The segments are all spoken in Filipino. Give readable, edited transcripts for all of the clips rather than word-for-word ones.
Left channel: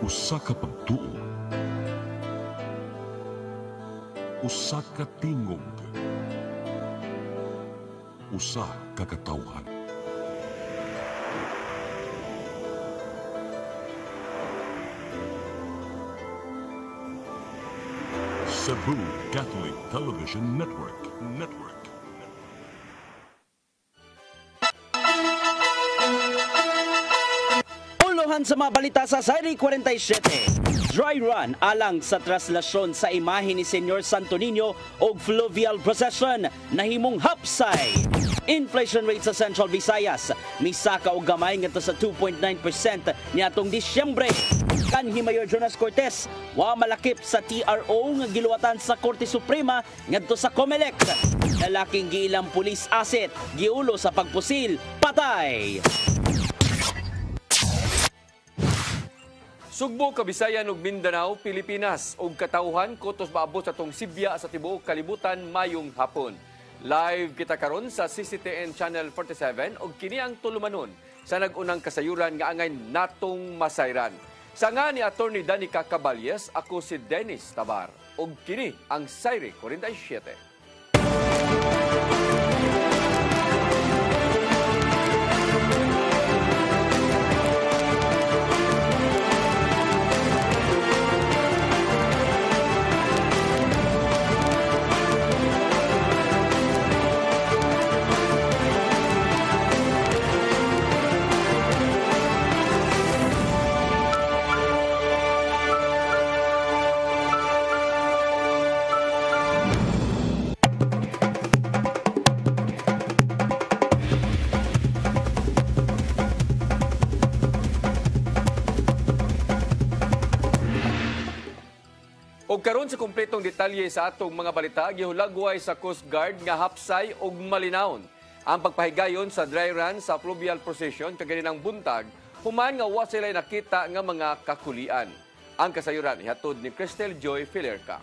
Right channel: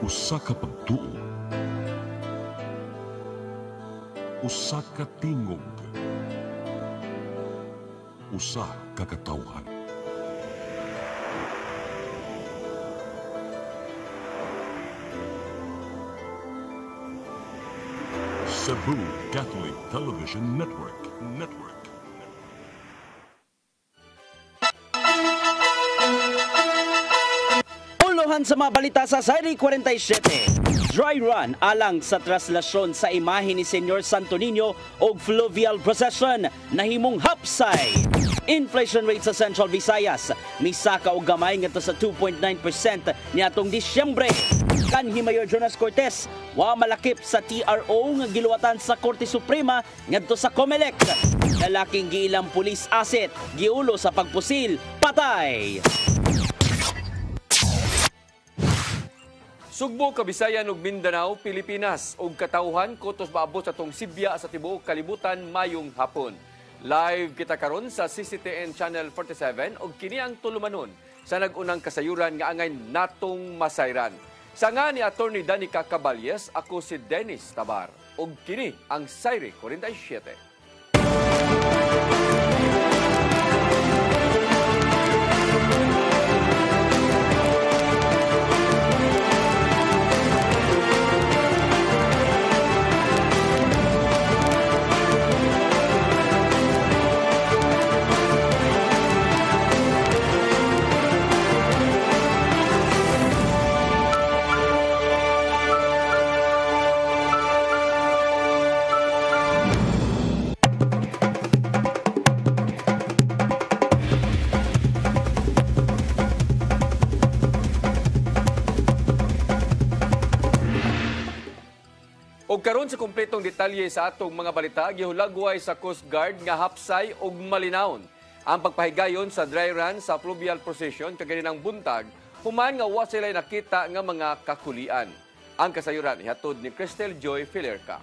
Usa ka pagtuo, usa ka tingog, usa ka katawhan. Cebu Catholic Television Network. Sa mga balita sa Sayri 47, dry run alang sa traslasyon sa imahe ni Senyor Santo Niño o fluvial procession nahimong hapsay. Inflation rate sa Central Visayas misaka og gamay ngadto sa 2.9% niadtong Disyembre. Kanhi Mayor Jonas Cortez wa malakip sa TRO nga giluwatan sa Korte Suprema ngadto sa COMELEC. Lalaking giilang police asset giulo sa pagpusil patay. Sugbo, Kabisayan ug Mindanao, Pilipinas ug katawhan kutos maabot sa tong Sibya sa tibuok kalibutan mayong hapon. Live kita karon sa CCTN Channel 47 ug kini ang tulumanon sa nagunang kasayuran nga angay natong masayran. Sa nga ni Attorney Danica Caballes, ako si Dennis Tabar ug kini ang Sayri 47. Og karon sa kumpletong detalye sa atong mga balita, gihulagway sa Coast Guard nga hapsay og malinawon ang pagpahigayon sa dry run sa fluvial procession kaganinang buntag human nga wa sila nakita nga mga kakulian. Ang kasayuran ihatod ni Cristel Joy Filerca.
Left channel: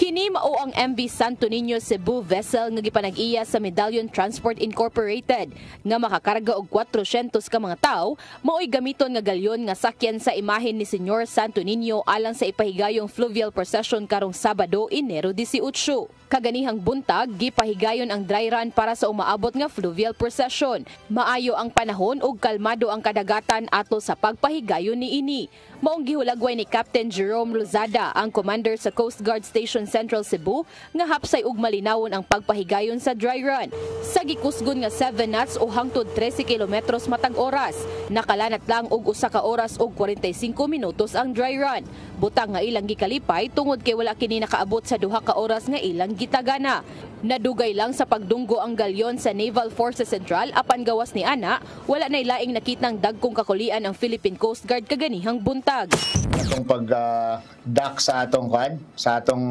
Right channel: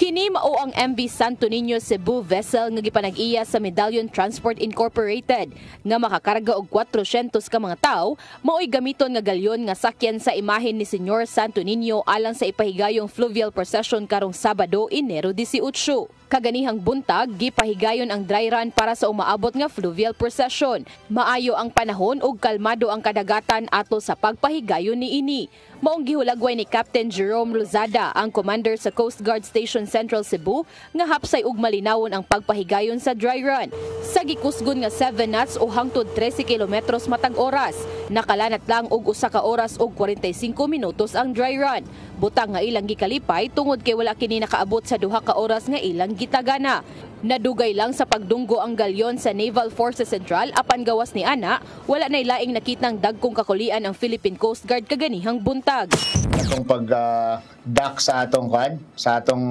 Kini mao ang MV Santo Niño Cebu vessel nga gipanag-iya sa Medallion Transport Incorporated nga makakarga og 400 ka mga tawo mao'y gamiton nga galyon nga sakyan sa imahen ni Senyor Santo Niño alang sa ipahigayong fluvial procession karong Sabado, Enero 18. Kaganihang buntag, gipahigayon ang dry run para sa umaabot nga fluvial procession. Maayo ang panahon ug kalmado ang kadagatan ato sa pagpahigayon niini. Maong gihulagway ni Captain Jerome Lozada, ang commander sa Coast Guard Station Central Cebu, nga hapsay ug malinawon ang pagpahigayon sa dry run. Sa gikusgon nga 7 knots o hangtod 13 kilometros matag oras, nakalanat lang og 1 ka oras ug 45 minutos ang dry run. Butang nga ilang gikalipay tungod kay wala kini nakaabot sa 2 ka oras nga ilang gitagana. Nadugay lang sa pagdunggo ang galyon sa Naval Forces Central apan gawas ni ana, wala nay laing nakitang dagkong kakulian ang Philippine Coast Guard kaganihang buntag. Atong pag-dock sa atong sa atong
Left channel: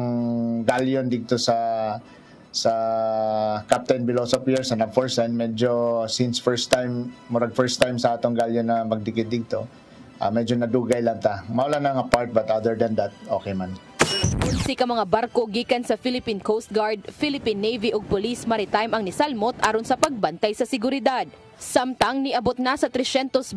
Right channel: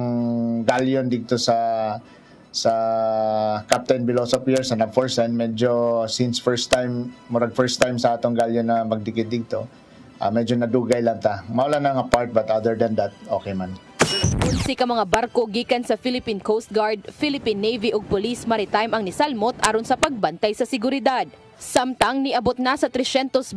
galyon dito sa Captain Biloso Pier sa Nagforsan, medyo since first time sa atong galyon na magdikit dito, medyo nadugay lang ta. Maula na nga part but other than that, okay man. Si ka mga barko gikan sa Philippine Coast Guard, Philippine Navy ug Police Maritime ang nisalmot aron sa pagbantay sa seguridad. Samtang niabot na sa 329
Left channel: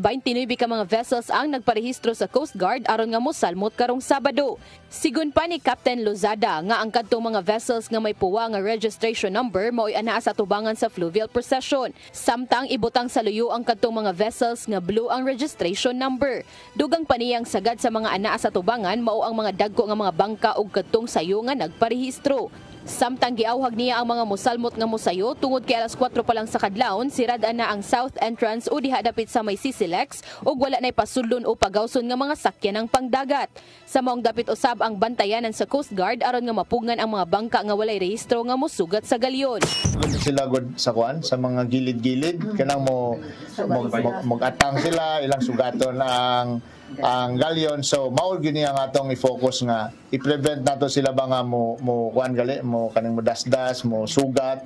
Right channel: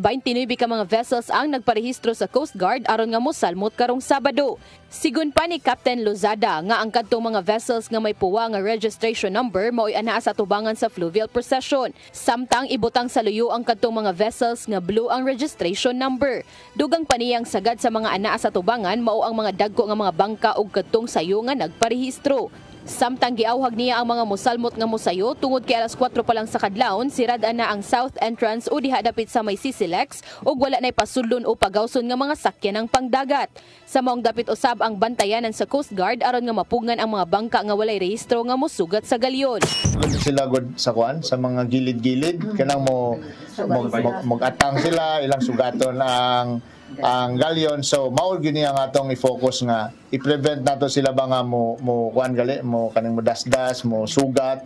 ka mga vessels ang nagparehistro sa Coast Guard aron nga mosalmot karong Sabado. Sigun pa ni Captain Lozada nga ang kadtong mga vessels nga may puwa nga registration number mao'y anaa sa tubangan sa fluvial procession. Samtang ibutang sa luyo ang kadtong mga vessels nga blue ang registration number. Dugang paniyang sagad sa mga anaa sa tubangan mao ang mga dagko nga mga bangka ug kadtong sayo nga nagparehistro. Samtang giawhag niya ang mga mosalmot nga mosayo tungod kay alas 4 pa lang sa kadlawon, sirad-an na ang south entrance o diha dapit sa may Sisilex ug wala nay pasulon o pagawson nga mga sakyan ng pangdagat. Sa maong dapit usab ang bantayanan sa Coast Guard aron nga mapugngan ang mga bangka nga walay rehistro nga mosugat sa galyon. Sila god sa sa mga gilid-gilid kanang mag-atang sila ilang sugaton ang galyon, so mao gyud ang atong i-focus nga i-prevent nato sila ba nga mo kuan gali mo kaning modasdas mo sugat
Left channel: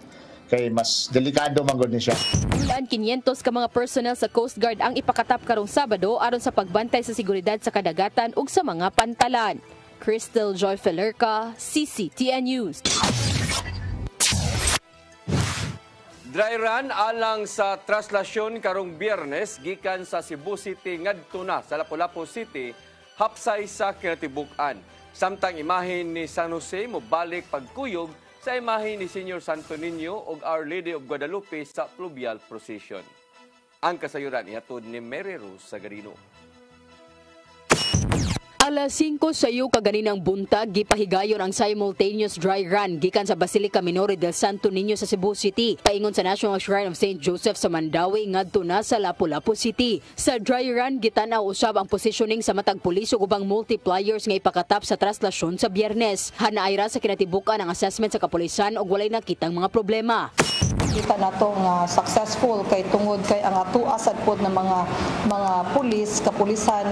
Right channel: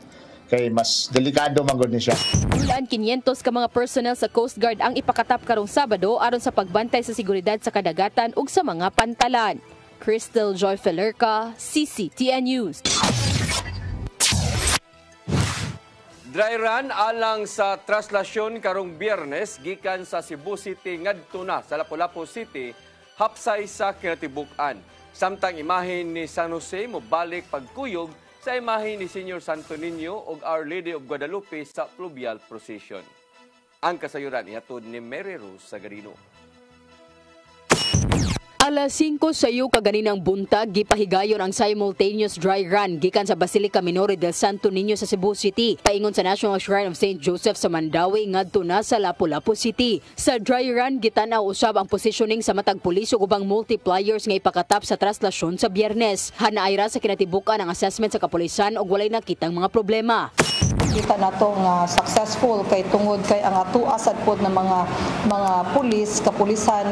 kay mas delikado man gud ni siya. Ulan 500 ka mga personnel sa Coast Guard ang ipakatap karong Sabado aron sa pagbantay sa seguridad sa kadagatan ug sa mga pantalan. Crystal Joy Felerca, CCTN News. Dry run alang sa traslasyon karong Biyernes gikan sa Cebu City ngadto na sa Lapu-Lapu City hapsay sa kinatibuk-an. Samtang imahin ni San Jose mobalik pagkuyog sa imahin ni Senior Santo Niño ug Our Lady of Guadalupe sa fluvial procession. Ang kasayuran ihatod ni Mary Rose Sagarino. Alas 5 sayo kaganinang buntag gipahigayon ang simultaneous dry run gikan sa Basilica Minore del Santo Niño sa Cebu City paingon sa National Shrine of St. Joseph sa Mandawi ngadto na sa Lapu-Lapu City. Sa dry run gitanaw usab ang positioning sa matag pulis ug ubang multipliers nga ipakatap sa traslasyon sa Biyernes. Hanaayra sa kinatibukan ang assessment sa kapulisan ug walay nakitang mga problema. Kita nato nga successful kay tungod kay ang atua sad pod ng mga pulis kapulisan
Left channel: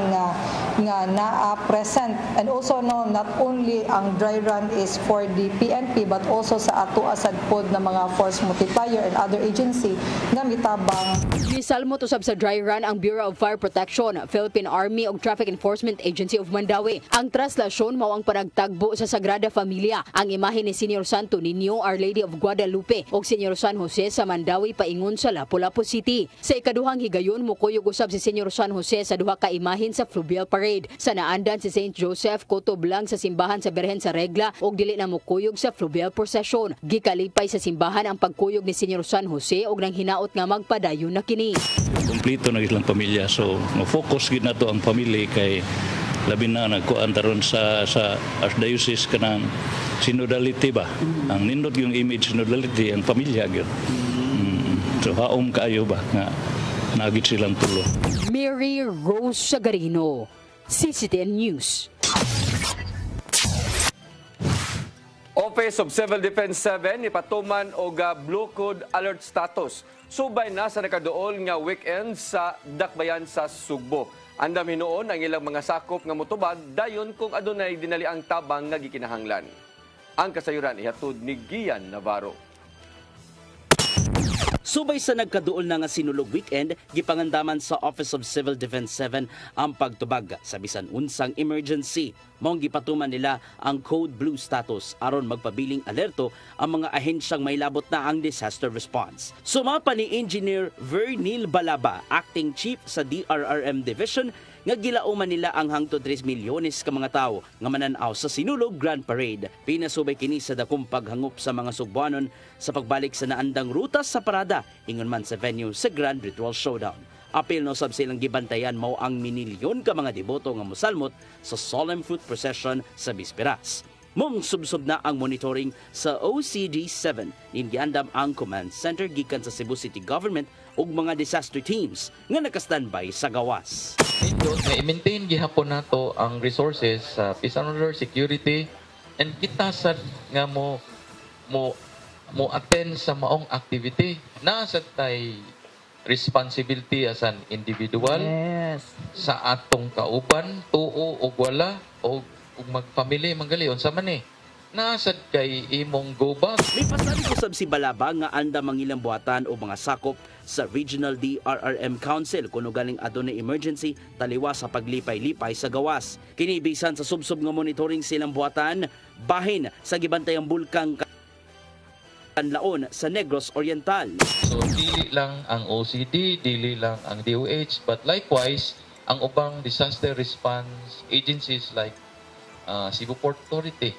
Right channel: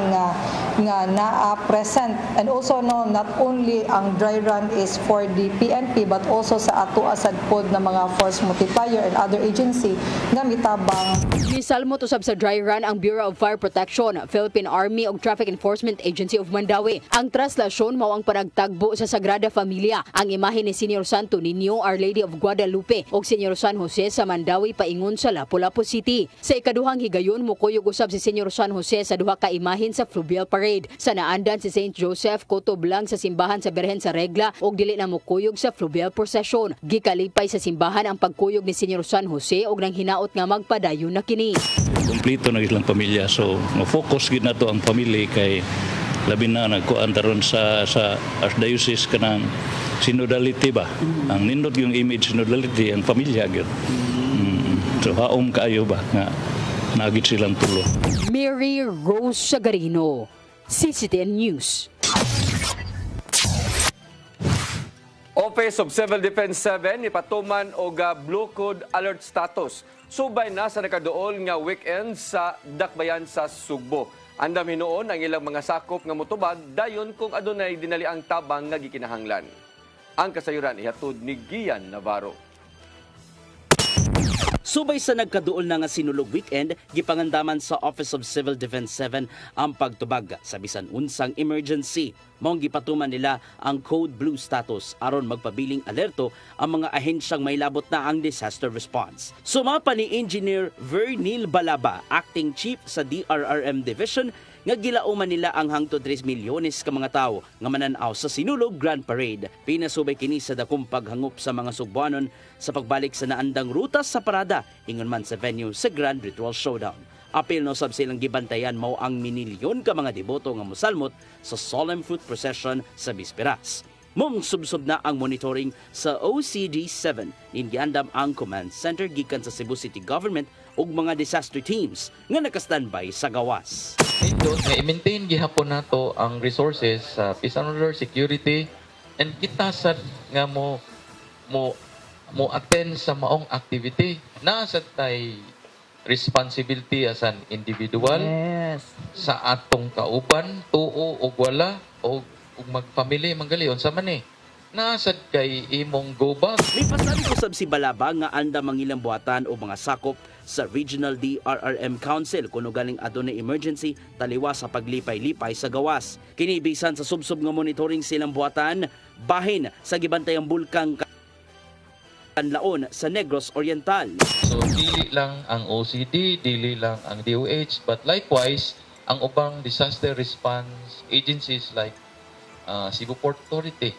nga naa present, and also no, not only ang dry run is for the PNP but also sa atua sad pod ng mga force multiplier and other agency nga mitabang. Gisalmo usab sa dry run ang Bureau of Fire Protection, Philippine Army ug Traffic Enforcement Agency of Mandawi. Ang traslasyon mao ang panagtagbo sa Sagrada Familia, ang imahe ni Senior Santo Niño, Our Lady of Guadalupe ug Senior San Jose sa Mandawi paingon sa Lapu-Lapu City. Sa ikaduhang higayon mukuyog usab si Senior San Jose sa duha ka imahin sa fluvial parade. Sa naandan si St. Joseph kutob lang sa simbahan sa Birhen sa Regla ug dili na mukuyog sa fluvial procession. Gikalipay sa simbahan ang pagkuyog ni Senior San Jose ug nang hinaot nga magpadayon na kini. Kumplito na ilang pamilya, so mo-focus gid nato ang pamilya kay labi na nagkuan taron sa archdiocese kanang synodality ba. Ang nindot yung image synodality ang pamilya gyud. So haom kaayo ba nga nagit silang tulo. Mary Rose Sagarino, CCTN News. Office of Civil Defense 7 ipatuman og Blue Code Alert status. Subay na sa nakaduol nga weekend sa Dakbayan sa Sugbo. Andam hinuon ang ilang mga sakop nga motubag dayon kung adunay dinali ang tabang nga gikinahanglan. Ang kasayuran ihatod ni Gian Navarro. Subay sa nagkaduol na nga sinulog weekend, gipangandaman sa Office of Civil Defense 7 ang pagtubag sa bisan unsang emergency. Maong gipatuman nila ang Code Blue status aron magpabiling alerto ang mga ahensyang may labot na ang disaster response. Sumapa ni Engineer Vernil Balaba, Acting Chief sa DRRM Division, nga gilauman nila ang hangtod 3 milyones ka mga tao nga mananaw sa sinulog Grand Parade. Pinasubay kini sa dakong paghangop sa mga Sugbuanon sa pagbalik sa naandang ruta sa parada ingon man sa venue sa Grand Ritual Showdown. Apil no sab silang gibantayan mao ang minilyon ka mga deboto nga mosalmot sa Solemn Fruit Procession sa Bisperas. Mong subsob na ang monitoring sa OCD-7 nin giandam ang command center gikan sa Cebu City Government ug mga disaster teams nga naka-standby sa gawas. Ito, i-maintain gihapon nato ang resources sa peace and order, security, and kita sad nga mo attend sa maong activity. Nasa tay responsibility as an individual sa atong kauban, tuo o wala o mag-family manggalion sa man nasad kay imong go back. May pasali ko sab si Balaba nga anda mangilang buhatan o mga sakop sa Regional DRRM Council kuno galing adunay emergency taliwa sa paglipay-lipay sa gawas. Kinibisan sa subsob nga monitoring silang buhatan bahin sa gibantayang bulkang Kanlaon sa Negros Oriental. So dili lang ang OCD, dili lang ang DOH, but likewise ang ubang disaster response agencies like Cebu Port Authority,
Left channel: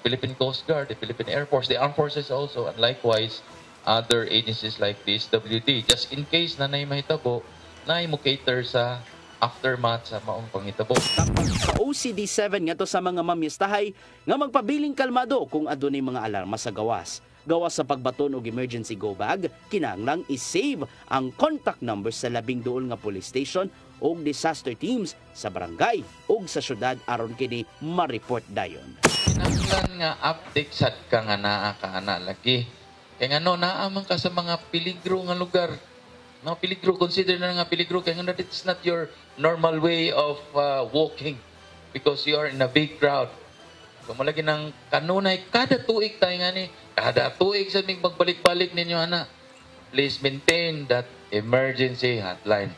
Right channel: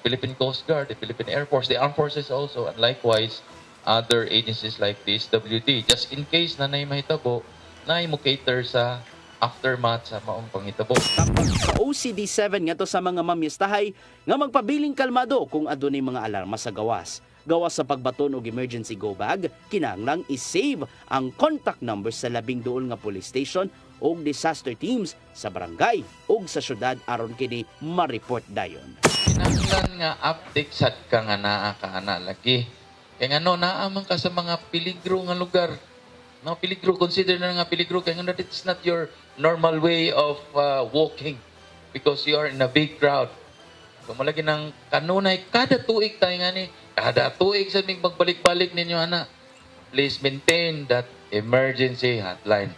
Philippine Coast Guard, the Philippine Air Force, the Armed Forces also, and likewise other agencies like the SWD. Just in case na mahitabo, na mo cater sa aftermath sa maong panghitabo. Sa OCD-7 nga to sa mga mamyestahay nga magpabiling kalmado kung adunay mga alarma sa gawas. Gawas sa pagbaton og emergency go bag, kinahanglang i-save ang contact number sa labing duol nga police station og disaster teams sa barangay ug sa syudad aron kini ma-report dayon. Kinahanglan nga update sad ka nga naa ka ana lagi. Kay ngano naa man ka sa mga peligro nga lugar. No, peligro, consider na nga peligro kay ngano it's not your normal way of walking because you are in a big crowd. So malagi ng kanunay kada tuig tayo nga ni kada tuig sa mig magbalik-balik ninyo ana. Please maintain that emergency hotline.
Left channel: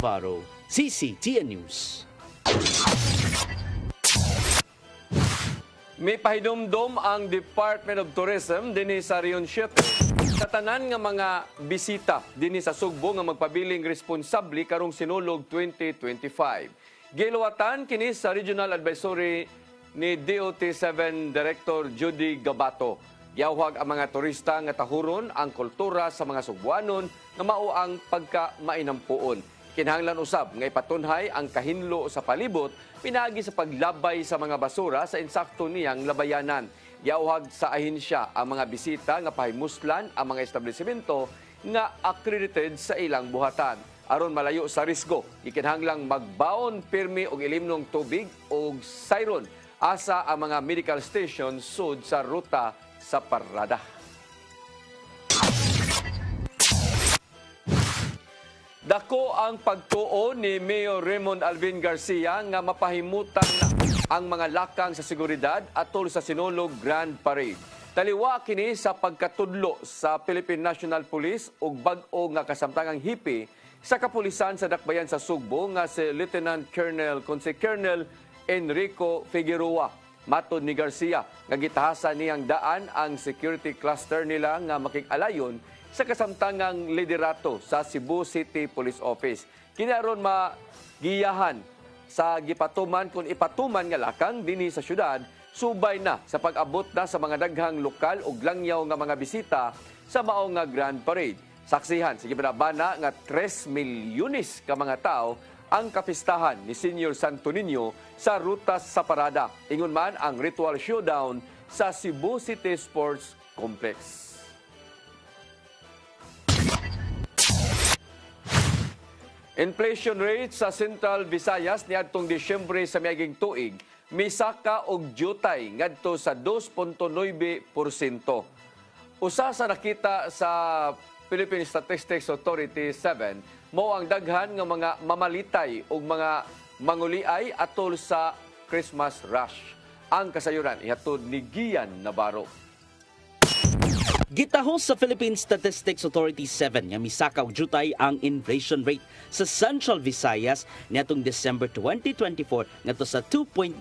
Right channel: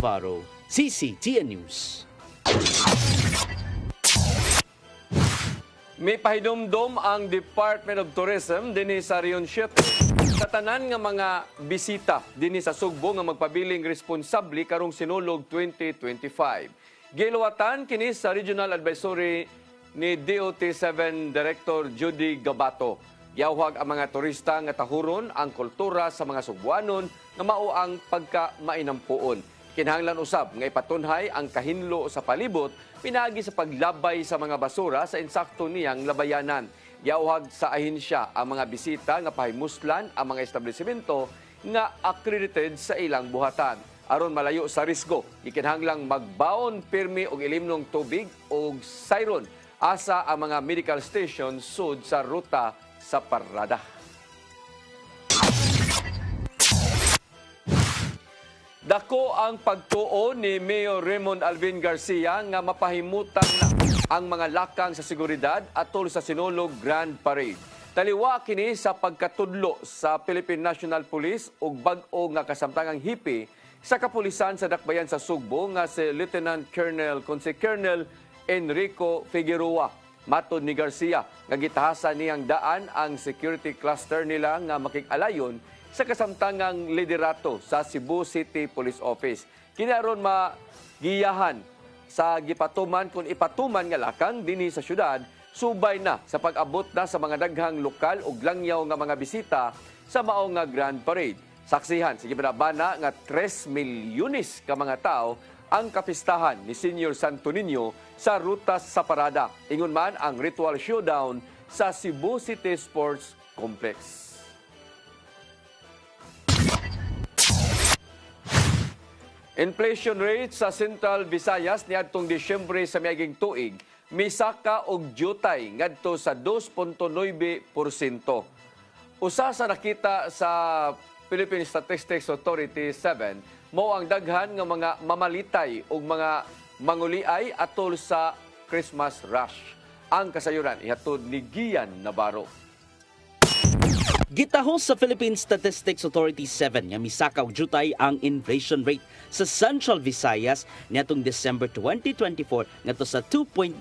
Navarro, CCTN News. May pahinumdom ang Department of Tourism dinhi sa Region 7 sa tanan nga mga bisita dinhi sa Sugbo nga magpabiling responsable karong Sinulog 2025. Giluwatan kini sa Regional Advisory ni DOT7 Director Judy Gabato. Yawag ang mga turista nga tahuron ang kultura sa mga Sugbuanon nga mao ang pagka-mainampuon. Kinahanglan usab nga ipatunhay ang kahinlo sa palibot pinagi sa paglabay sa mga basura sa insakto niyang labayanan. Yawag sa ahensya ang mga bisita nga pahimuslan ang mga establishmento nga accredited sa ilang buhatan. Aron malayo sa risgo, ikinahanglang magbaon pirmi og ilimnong tubig o siren asa ang mga medical station sud sa ruta sa parada. Dako ang pagtuo ni Mayor Raymond Alvin Garcia nga mapahimutan ang mga lakang sa seguridad atol sa Sinulog Grand Parade. Taliwa kini sa pagkatudlo sa Philippine National Police ug bag-o nga kasamtangang hipi sa kapulisan sa dakbayan sa Sugbo nga si Lieutenant Colonel Enrico Figueroa. Matod ni Garcia, nga gitahasan niyang daan ang security cluster nila nga makig-alayon sa kasamtangang liderato sa Cebu City Police Office. Kinaron magiyahan sa gipatuman kung ipatuman nga lakang dinhi sa syudad, subay na sa pag-abot na sa mga daghang lokal ug langyaw nga mga bisita sa mao nga Grand Parade. Saksihan sa gibanabana nga 3 milyones ka mga tao ang kapistahan ni Senior Santo Niño sa ruta sa parada. Ingon man ang ritual showdown sa Cebu City Sports Complex. Inflation rate sa Central Visayas niadtong Disyembre sa miaging tuig misaka og jutay ngadto sa 2.9%. Usa sa nakita sa Philippine Statistics Authority 7 mao ang daghan nga mga mamalitay ug mga manguliay atol sa Christmas rush. Ang kasayuran ihatod ni Gian Navarro. Gitahos sa Philippine Statistics Authority 7 nga misaka og jutay ang inflation rate sa Central Visayas niadtong December 2024 ngadto sa 2.9%.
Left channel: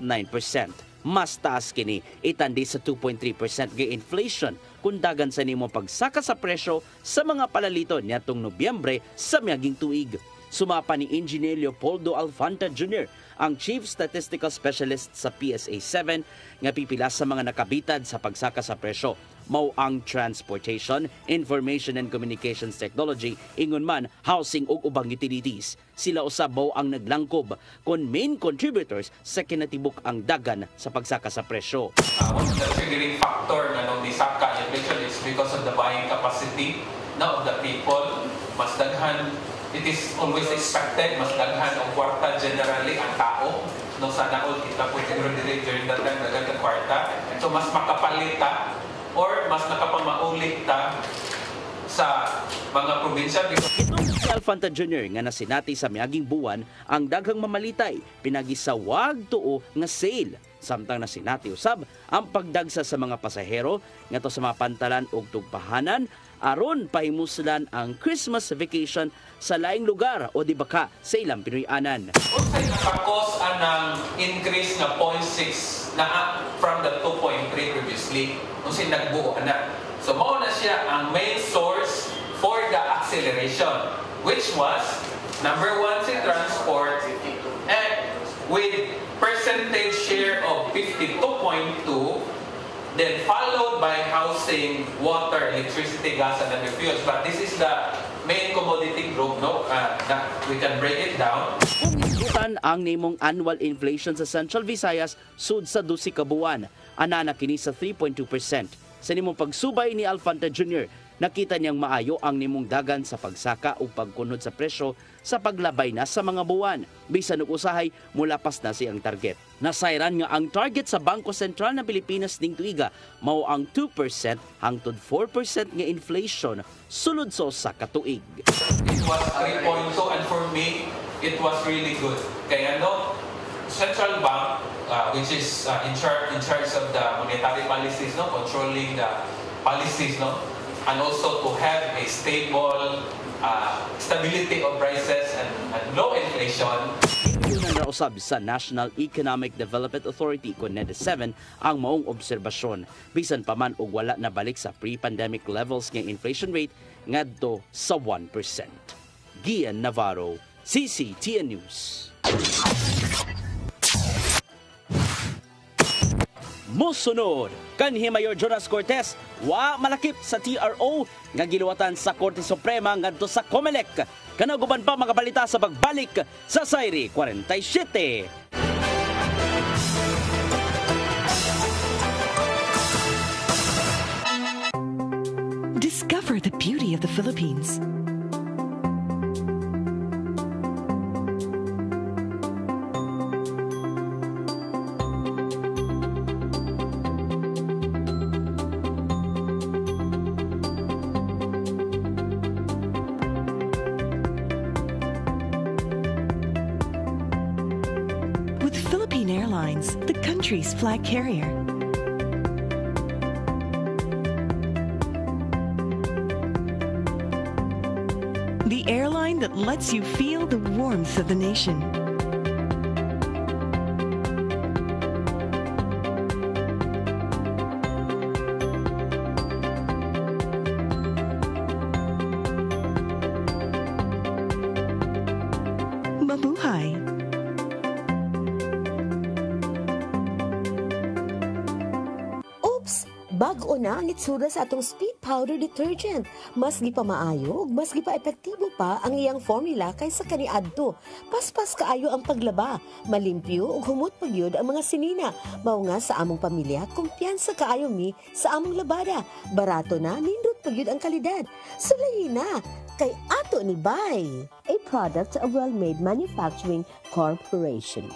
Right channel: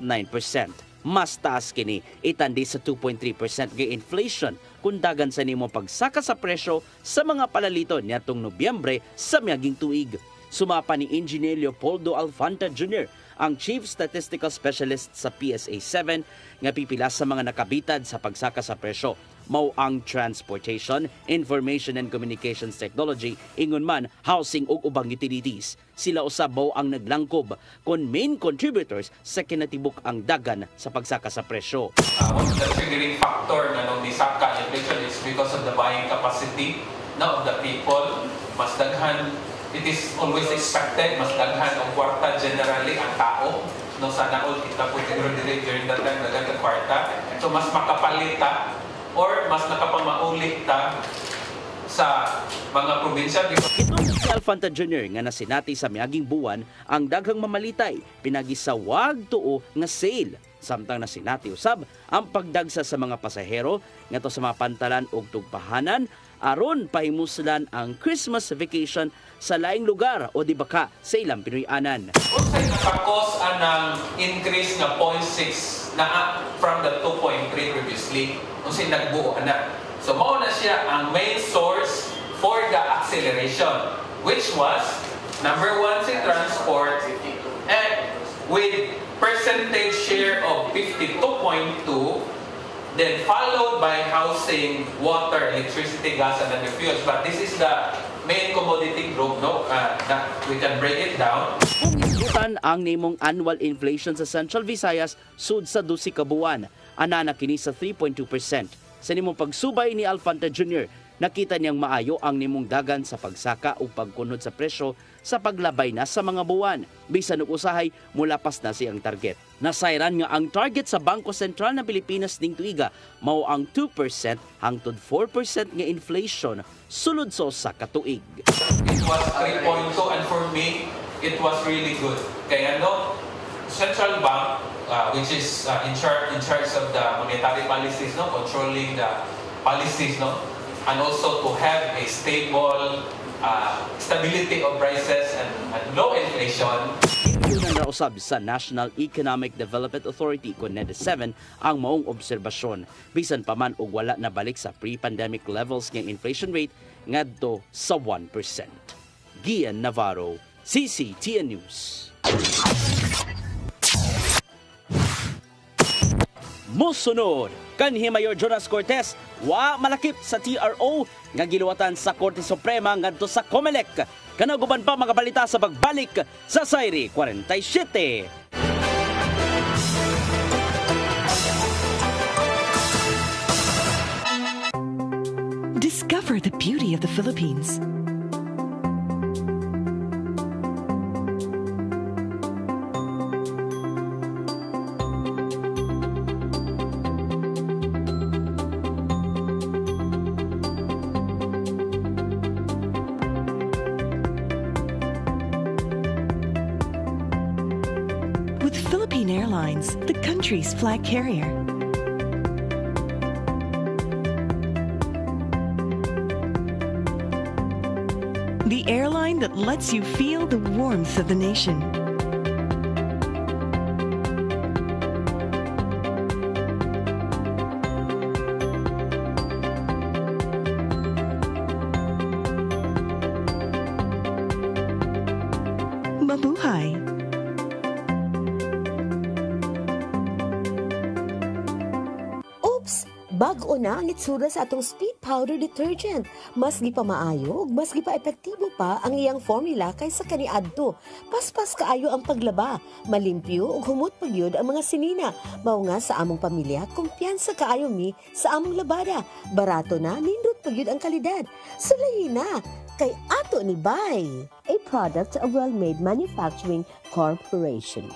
Mas taas kini itandi sa 2.3% nga inflation kung dagan sa nimo pagsaka sa presyo sa mga palalito niadtong Nobyembre sa miaging tuig. Sumapa ni Engineer Leopoldo Alfanta Jr., ang Chief Statistical Specialist sa PSA 7 nga pipila sa mga nakabitad sa pagsaka sa presyo. Mao ang transportation, information and communications technology, ingon man housing ug ubang utilities. Sila usab mao ang naglangkob kon main contributors sa kinatibuk ang dagan sa pagsaka sa presyo. One of the triggering factor nga nung disaka inflation is because of the buying capacity of the people. Mas daghan, it is always expected, mas daghan ang kwarta generally ang tao. No, sa naon kita po during that time daghan ang kwarta. So mas makapalita or mas nakapamaulit ta sa mga probinsya. Ito si Alfanta Jr. nga nasinati sa miaging buwan ang daghang mamalitay pinagisawag tuo nga sale. Samtang nasinati usab ang pagdagsa sa mga pasahero ngadto sa mga pantalan ug tugpahanan aron pahimuslan ang Christmas vacation sa laing lugar o di baka sa ilang Pinoy-anan. Unsay nakakos anang increase na 0.6 na from the 2.3 previously unsay nagbuo ana. So mao na siya ang main source for the acceleration, which was number 1 si transport and with percentage share of 52.2, then followed by housing, water, electricity, gas, and other fuels. But this is the main commodity group, no? That we can break it down. Kung isutan ang nimong annual inflation sa Central Visayas sud sa 12 ka buwan, anana kini sa 3.2%. Sa nimong pagsubay ni Alfanta Jr., nakita niyang maayo ang nimong dagan sa pagsaka o pagkunod sa presyo sa paglabay na sa mga buwan. Bisan og usahay, mulapas na siyang target. Nasayran nga ang target sa Bangko Sentral ng Pilipinas ning tuiga mao ang 2% hangtod 4% nga inflation sulod sa usa ka tuig. It was 3.2 and for me, it was really good. Kaya Central Bank, which is in charge of the monetary policies, controlling the policies, and also to have a stability of prices and low inflation. Yun ang Nausab sa National Economic Development Authority kon NED7 ang maong obserbasyon bisan pa man og wala na balik sa pre-pandemic levels ng inflation rate ngadto sa 1%. Gian Navarro, CCTN News. Musunod, kanhi Mayor Jonas Cortez wa malakip sa TRO nga giluwatan sa Korte Suprema ngadto sa COMELEC. Kanaguban pa mga balita sa pagbalik sa Sayri 47. Discover the beauty of the Philippines. With Philippine Airlines, the country's flag carrier. The airline that lets you feel the warmth of the nation. Mabuhay! Bag-o na ang itsura sa atong speed powder detergent. Mas gipamaayo ug mas gipa-epektibo pa ang iyang formula kaysa kaniadto. Paspas kaayo ang paglaba, malimpyo ug humot pagyud ang mga sinina. Mao nga sa among pamilya, kumpiyansa kaayo mi sa among labada. Barato na, nindot pagyud ang kalidad. Sulayin na kay ato ni Bay, a product of Well-Made Manufacturing Corporation.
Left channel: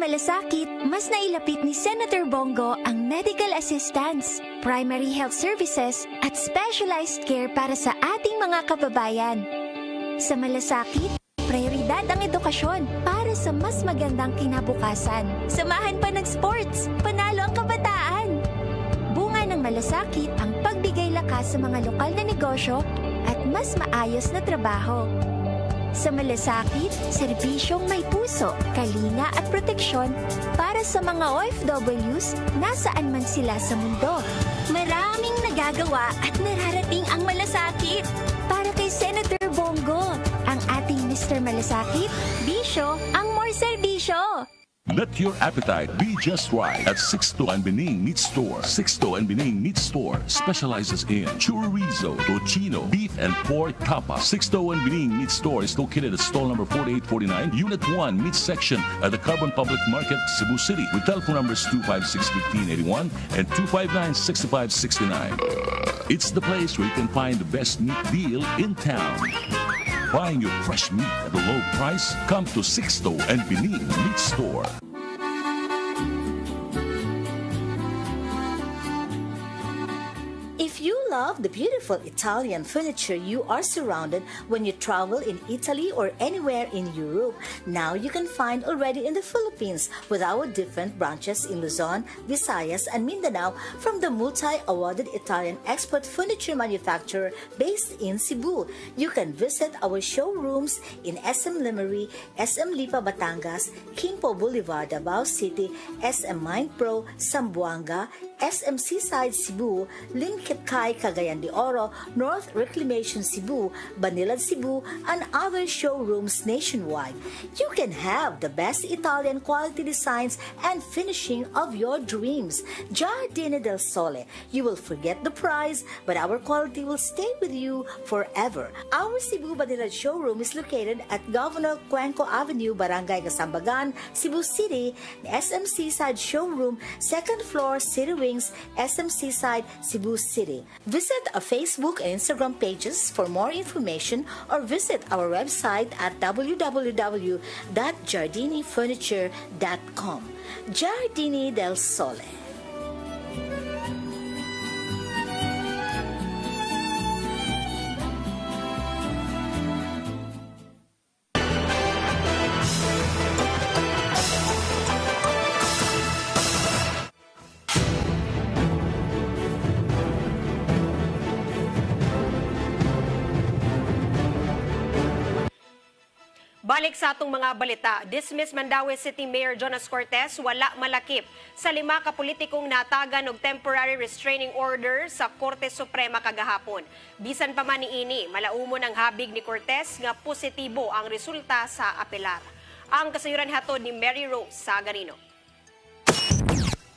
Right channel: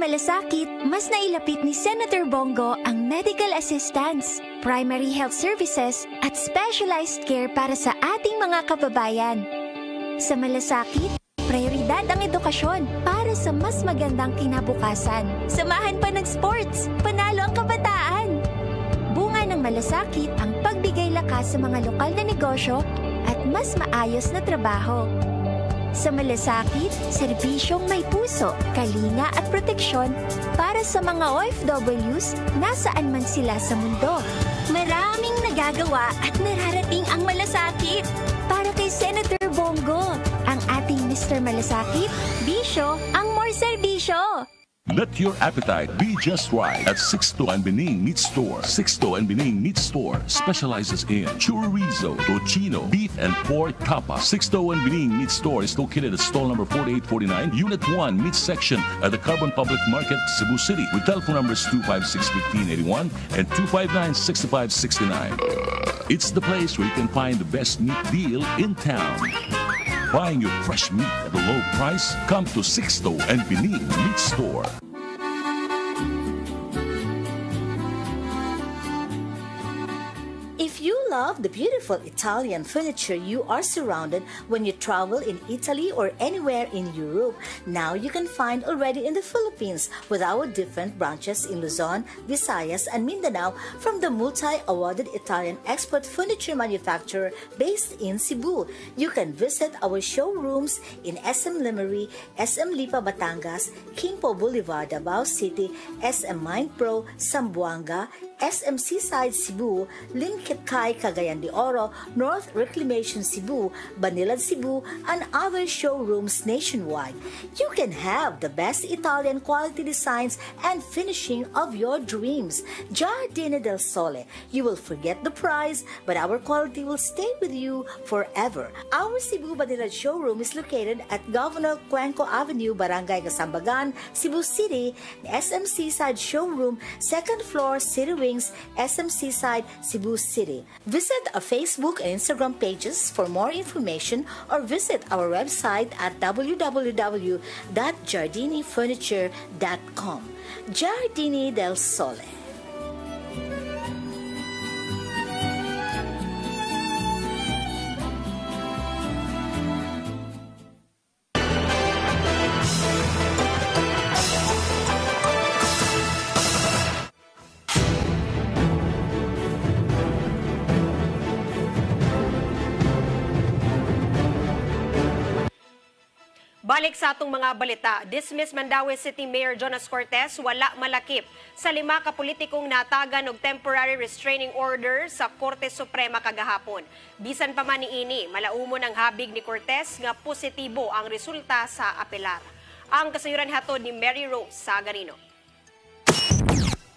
Malasakit, mas nailapit ni Senator Bongo ang medical assistance, primary health services at specialized care para sa ating mga kababayan. Sa malasakit, prioridad ang edukasyon para sa mas magandang kinabukasan. Samahan pa ng sports, panalo ang kabataan. Bunga ng malasakit ang pagbigay lakas sa mga lokal na negosyo at mas maayos na trabaho. Sa malasakit, serbisyong may puso, kalinga at proteksyon para sa mga OFWs nasaan man sila sa mundo. Maraming nagagawa at nararating ang malasakit. Para kay Senator Bongo, ang ating Mr. Malasakit, bisyo ang more serbisyo. Let your appetite be just right at Sixto and Bening Meat Store. Sixto and Bening Meat Store specializes in chorizo, tocino, beef, and pork tapa. Sixto and Bening Meat Store is located at stall number 4849, Unit 1, Meat Section at the Carbon Public Market, Cebu City, with telephone numbers 256-1581 and 259-6569. It's the place where you can find the best meat deal in town. Buying your fresh meat at a low price? Come to Sixto and Bening Meat Store. If you love the beautiful Italian furniture you are surrounded when you travel in Italy or anywhere in Europe, now you can find already in the Philippines with our different branches in Luzon, Visayas, and Mindanao from the multi-awarded Italian export furniture manufacturer based in Cebu. You can visit our showrooms in SM Limery, SM Lipa Batangas, Quimpo Boulevard, Davao City, SM Mindpro, Zamboanga, SM Seaside Cebu, Linkitcay, Cagayan de Oro, North Reclamation Cebu, Banilad Cebu, and other showrooms nationwide. You can have the best Italian quality designs and finishing of your dreams. Giardini del Sole. You will forget the price, but our quality will stay with you forever. Our Cebu Banilad showroom is located at Governor Cuenco Avenue, Barangay Gasambagan, Cebu City. SM Seaside Showroom, 2nd floor, City Wing, SM Seaside, Cebu City. Visit our Facebook and Instagram pages for more information or visit our website at www.giardinifurniture.com. Giardini del Sole. Balik sa atong mga balita, dismiss Mandaue City Mayor Jonas Cortez wala malakip sa 5 ka politikong natagan og temporary restraining order sa Korte Suprema kagahapon. Bisan pa man niini, malaumon ang habig ni Cortez nga positibo ang resulta sa apelar. Ang kasayuran hatod ni Mary Rose Sagarino.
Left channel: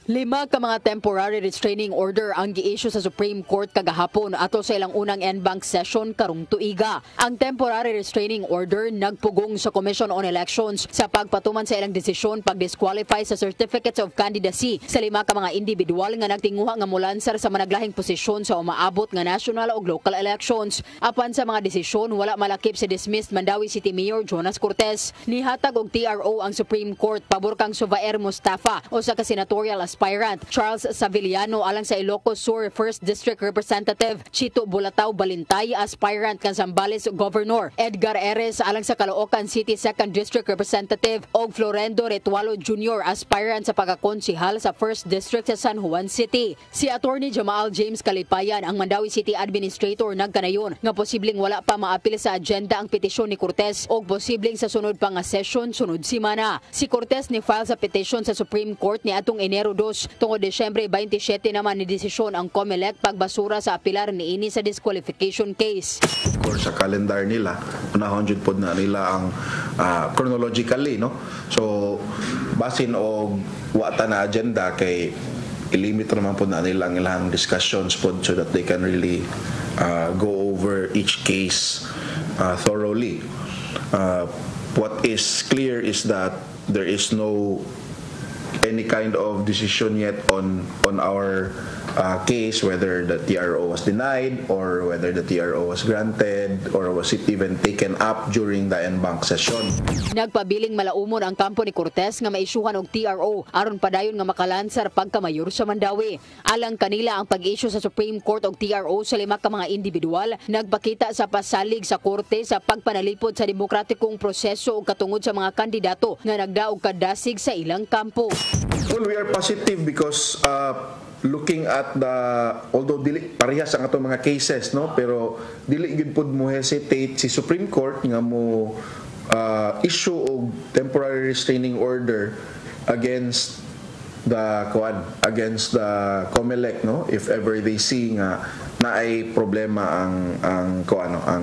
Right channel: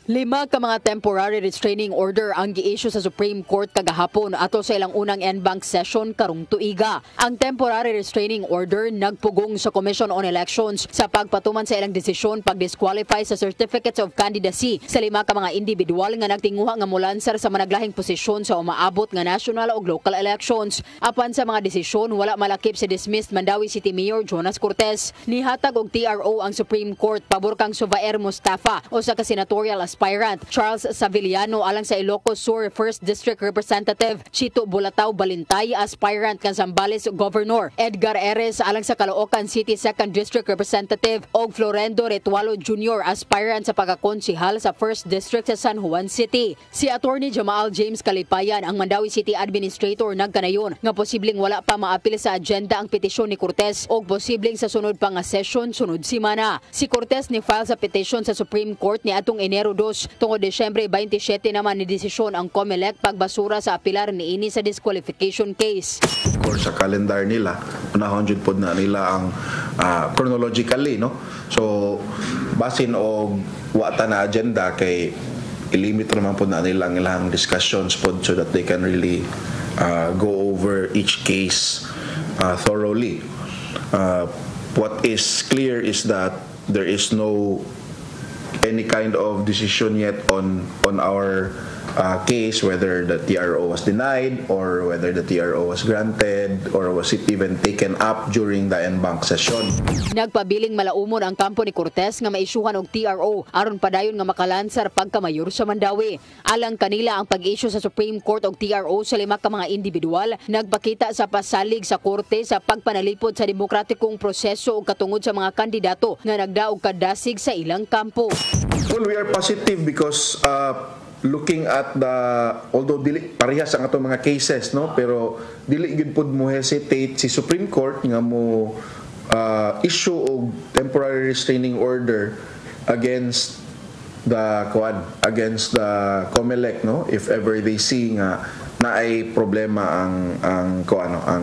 5 ka mga temporary restraining order ang gi-issue sa Supreme Court kagahapon ato sa ilang unang en-bank session karong tuiga. Ang temporary restraining order nagpugong sa Commission on Elections sa pagpatuman sa ilang desisyon pag-disqualify sa Certificates of Candidacy sa 5 ka mga individual nga nagtinguha nga mulansar sa managlahing posisyon sa umaabot nga national o local elections. Apan sa mga desisyon, wala malakip si dismissed Mandaue City Mayor Jonas Cortez. Nihatag og TRO ang Supreme Court pabor kang Subair Mustafa o sa senatorial aspirant Charles Saviliano alang sa Ilocos Sur 1st District Representative, Chito Bulatao Balintay aspirant kang Zambales Governor, Edgar Eres alang sa Caloocan City 2nd District Representative og Florendo Retualo Jr. aspirant sa pagkakonsihal sa 1st District sa San Juan City. Si Attorney Jamal James Kalipayan, ang Mandaue City Administrator, nagkanayon nga posibleng wala pa maapil sa agenda ang petisyon ni Cortez og posibleng sa sunod pa nga session sunod simana. Si Cortez ni file sa petition sa Supreme Court ni atong Enero 2 tungod Desyembre 27 naman ni desisyon ang COMELEC pagbasura sa apilar niini sa disqualification case. Of course, sa calendar nila, unahon jud pod na nila ang chronologically, no? So basin og wata na agenda kay ilimit naman po na nila ang ilang discussions pod so that they can really go over each case thoroughly. What is clear is that there is no any kind of decision yet on our case, whether the TRO was denied or whether the TRO was granted or was it even taken up during the en-bank session. Nagpabiling malaumon ang kampo ni Cortez nga maisyuhan og TRO aron padayon nga makalansar pagkamayor sa Mandaue. Alang kanila ang pag-issue sa Supreme Court og TRO sa 5 ka mga individual nagpakita sa pasalig sa korte sa pagpanalipod sa demokratikong proseso ug katungod sa mga kandidato nga nagdaog kadasig sa ilang kampo. Well, we are positive because looking at the, although dili parehas ang atong mga cases, no, pero dili gyud pud mo hesitate si Supreme Court nga mo issue og temporary restraining order against the COMELEC, no, if ever they see nga naay problema ang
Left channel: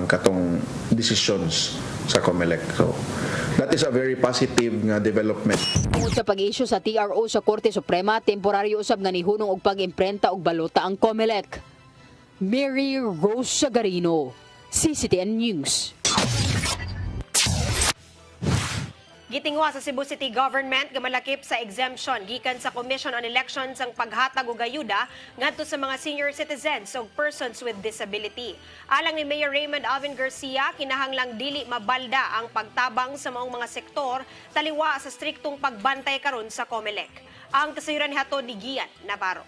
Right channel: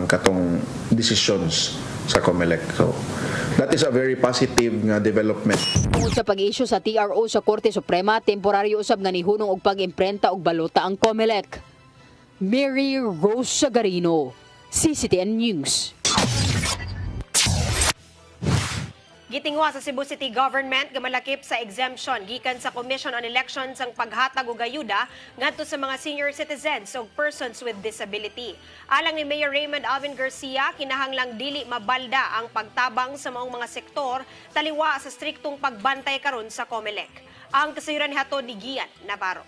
katong decisions sa COMELEC. So that is a very positive development. Tungod sa pag-issue sa TRO sa Korte Suprema, temporaryo usab nga nihunong og pag-imprenta og balota ang COMELEC. Mary Rose Sagarino, CCTN News. Gitingwa sa Cebu City Government nga malakip sa exemption gikan sa Commission on Elections ang paghatag og ayuda ngadto sa mga senior citizens ug persons with disability. Alang ni Mayor Raymond Alvin Garcia, kinahanglang dili mabalda ang pagtabang sa maong mga sektor taliwa sa striktong pagbantay karon sa COMELEC. Ang kasayuran hatod ni Gian Navarro.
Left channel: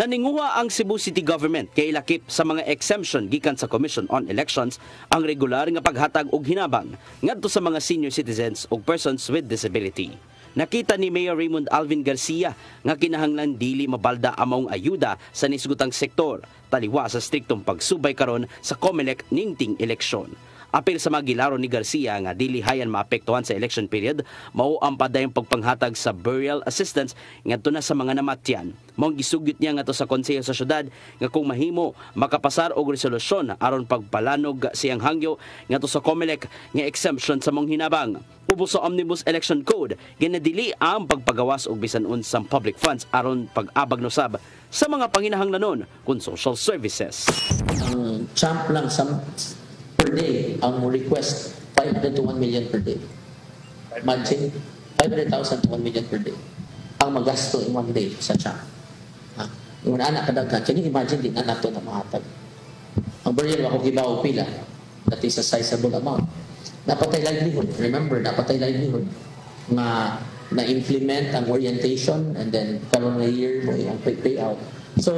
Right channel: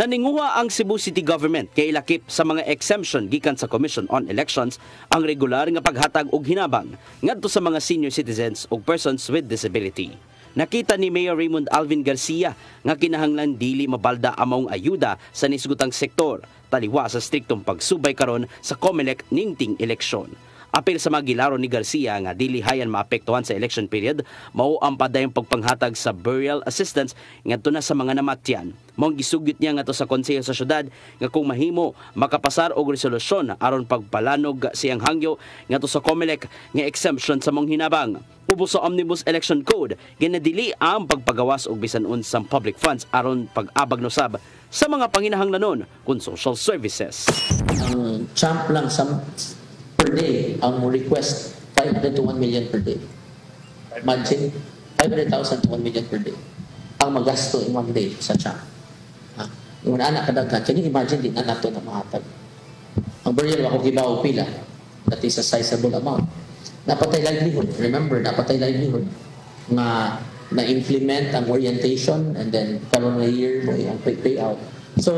Naninguha ang Cebu City Government kay ilakip sa mga exemption gikan sa Commission on Elections ang regular nga paghatag og hinabang ngadto sa mga senior citizens ug persons with disability. Nakita ni Mayor Raymond Alvin Garcia nga kinahanglan dili mabalda among ayuda sa nisgutang sektor taliwa sa striktong pagsubay karon sa COMELEC ningting eleksyon. Apil sa mga gilaro ni Garcia nga dili hayan maapektuhan sa election period, mao ang padayong pagpanghatag sa burial assistance ngadto na sa mga namatyan. Maong gisugyot niya ngadto sa konseho sa syudad nga kung mahimo makapasar og resolusyon aron pagpalanog siyang hangyo ngadto sa COMELEC nga exemption sa mong hinabang. Ubos sa Omnibus Election Code, ginadili ang pagpagawas og bisan unsang public funds aron pag-abag nosab sa mga panginahanglanon kun social services. Ang champ lang per day, ang request 500 to 1 million per day. Imagine, 500,000 to 1 million per day. Ang magasto in one day sa champ. Yung anak kadaghan, can you imagine din anak to na mahatag? Ang burial ako gibaw pila, that is a sizable amount. Napatay livelihood. Remember, napatay livelihood na na-implement ang orientation and then karon nga year mo yung payout. So,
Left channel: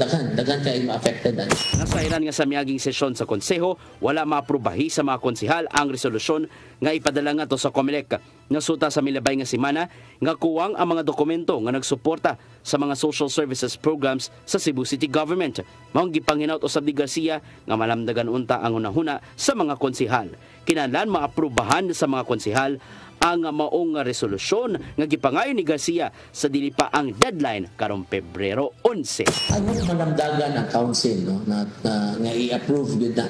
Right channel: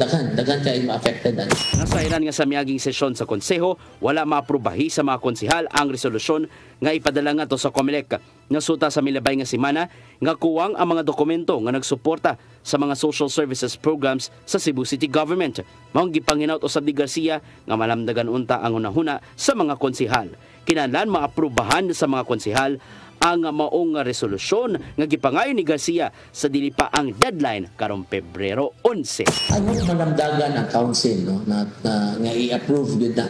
daghan kayo ma-affected. Nasairan nga sa miyaging sesyon sa konseho, wala maaprubahi sa mga konsehal ang resolusyon nga ipadala nga to sa COMELEC. Nasuta sa milabay nga semana nga kuwang ang mga dokumento nga nagsuporta sa mga social services programs sa Cebu City Government. Maong gipanginaut usab ni Garcia nga malamdagan unta ang hunahuna sa mga konsehal. Kinahanglan maaprubahan sa mga konsehal ang maong resolusyon nga gipangayo ni Garcia sa dili pa ang deadline karong Pebrero 11. Ano malamdagan ang council no na nga i-approve gyud na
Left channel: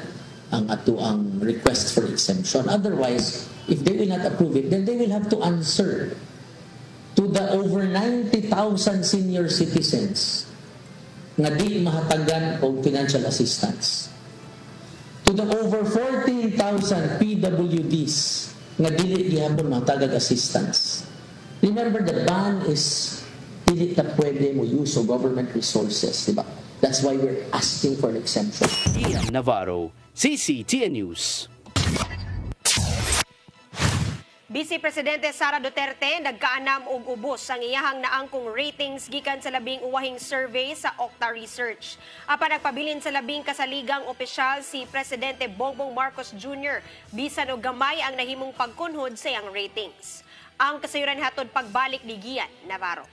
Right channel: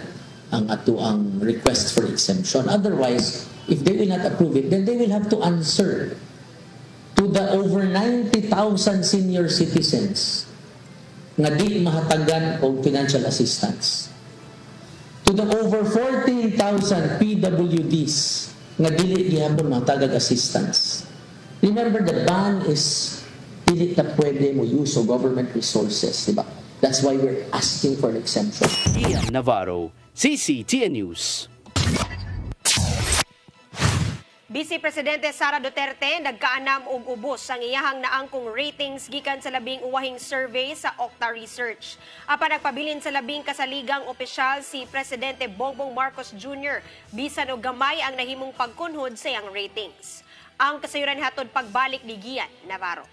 ang ato ang request for exemption. Otherwise, if they will not approve it, then they will have to answer to the over 90,000 senior citizens nga di mahatagan og financial assistance. To the over 14,000 PWDs nga dili gihapon matagag assistance. Remember, the ban is dili na pwede mo use of government resources, diba? That's why we're asking for an exemption. Ian Navarro, CCTN News. Vice Presidente Sara Duterte nagkaanam og ubos ang iyahang naangkong ratings gikan sa labing uwahing survey sa Okta Research. Apan nagpabilin sa labing kasaligang opisyal si Presidente Bongbong Marcos Jr. bisan og gamay ang nahimong pagkunhod sa iyang ratings. Ang kasayuran hatod pagbalik ni Gian Navarro.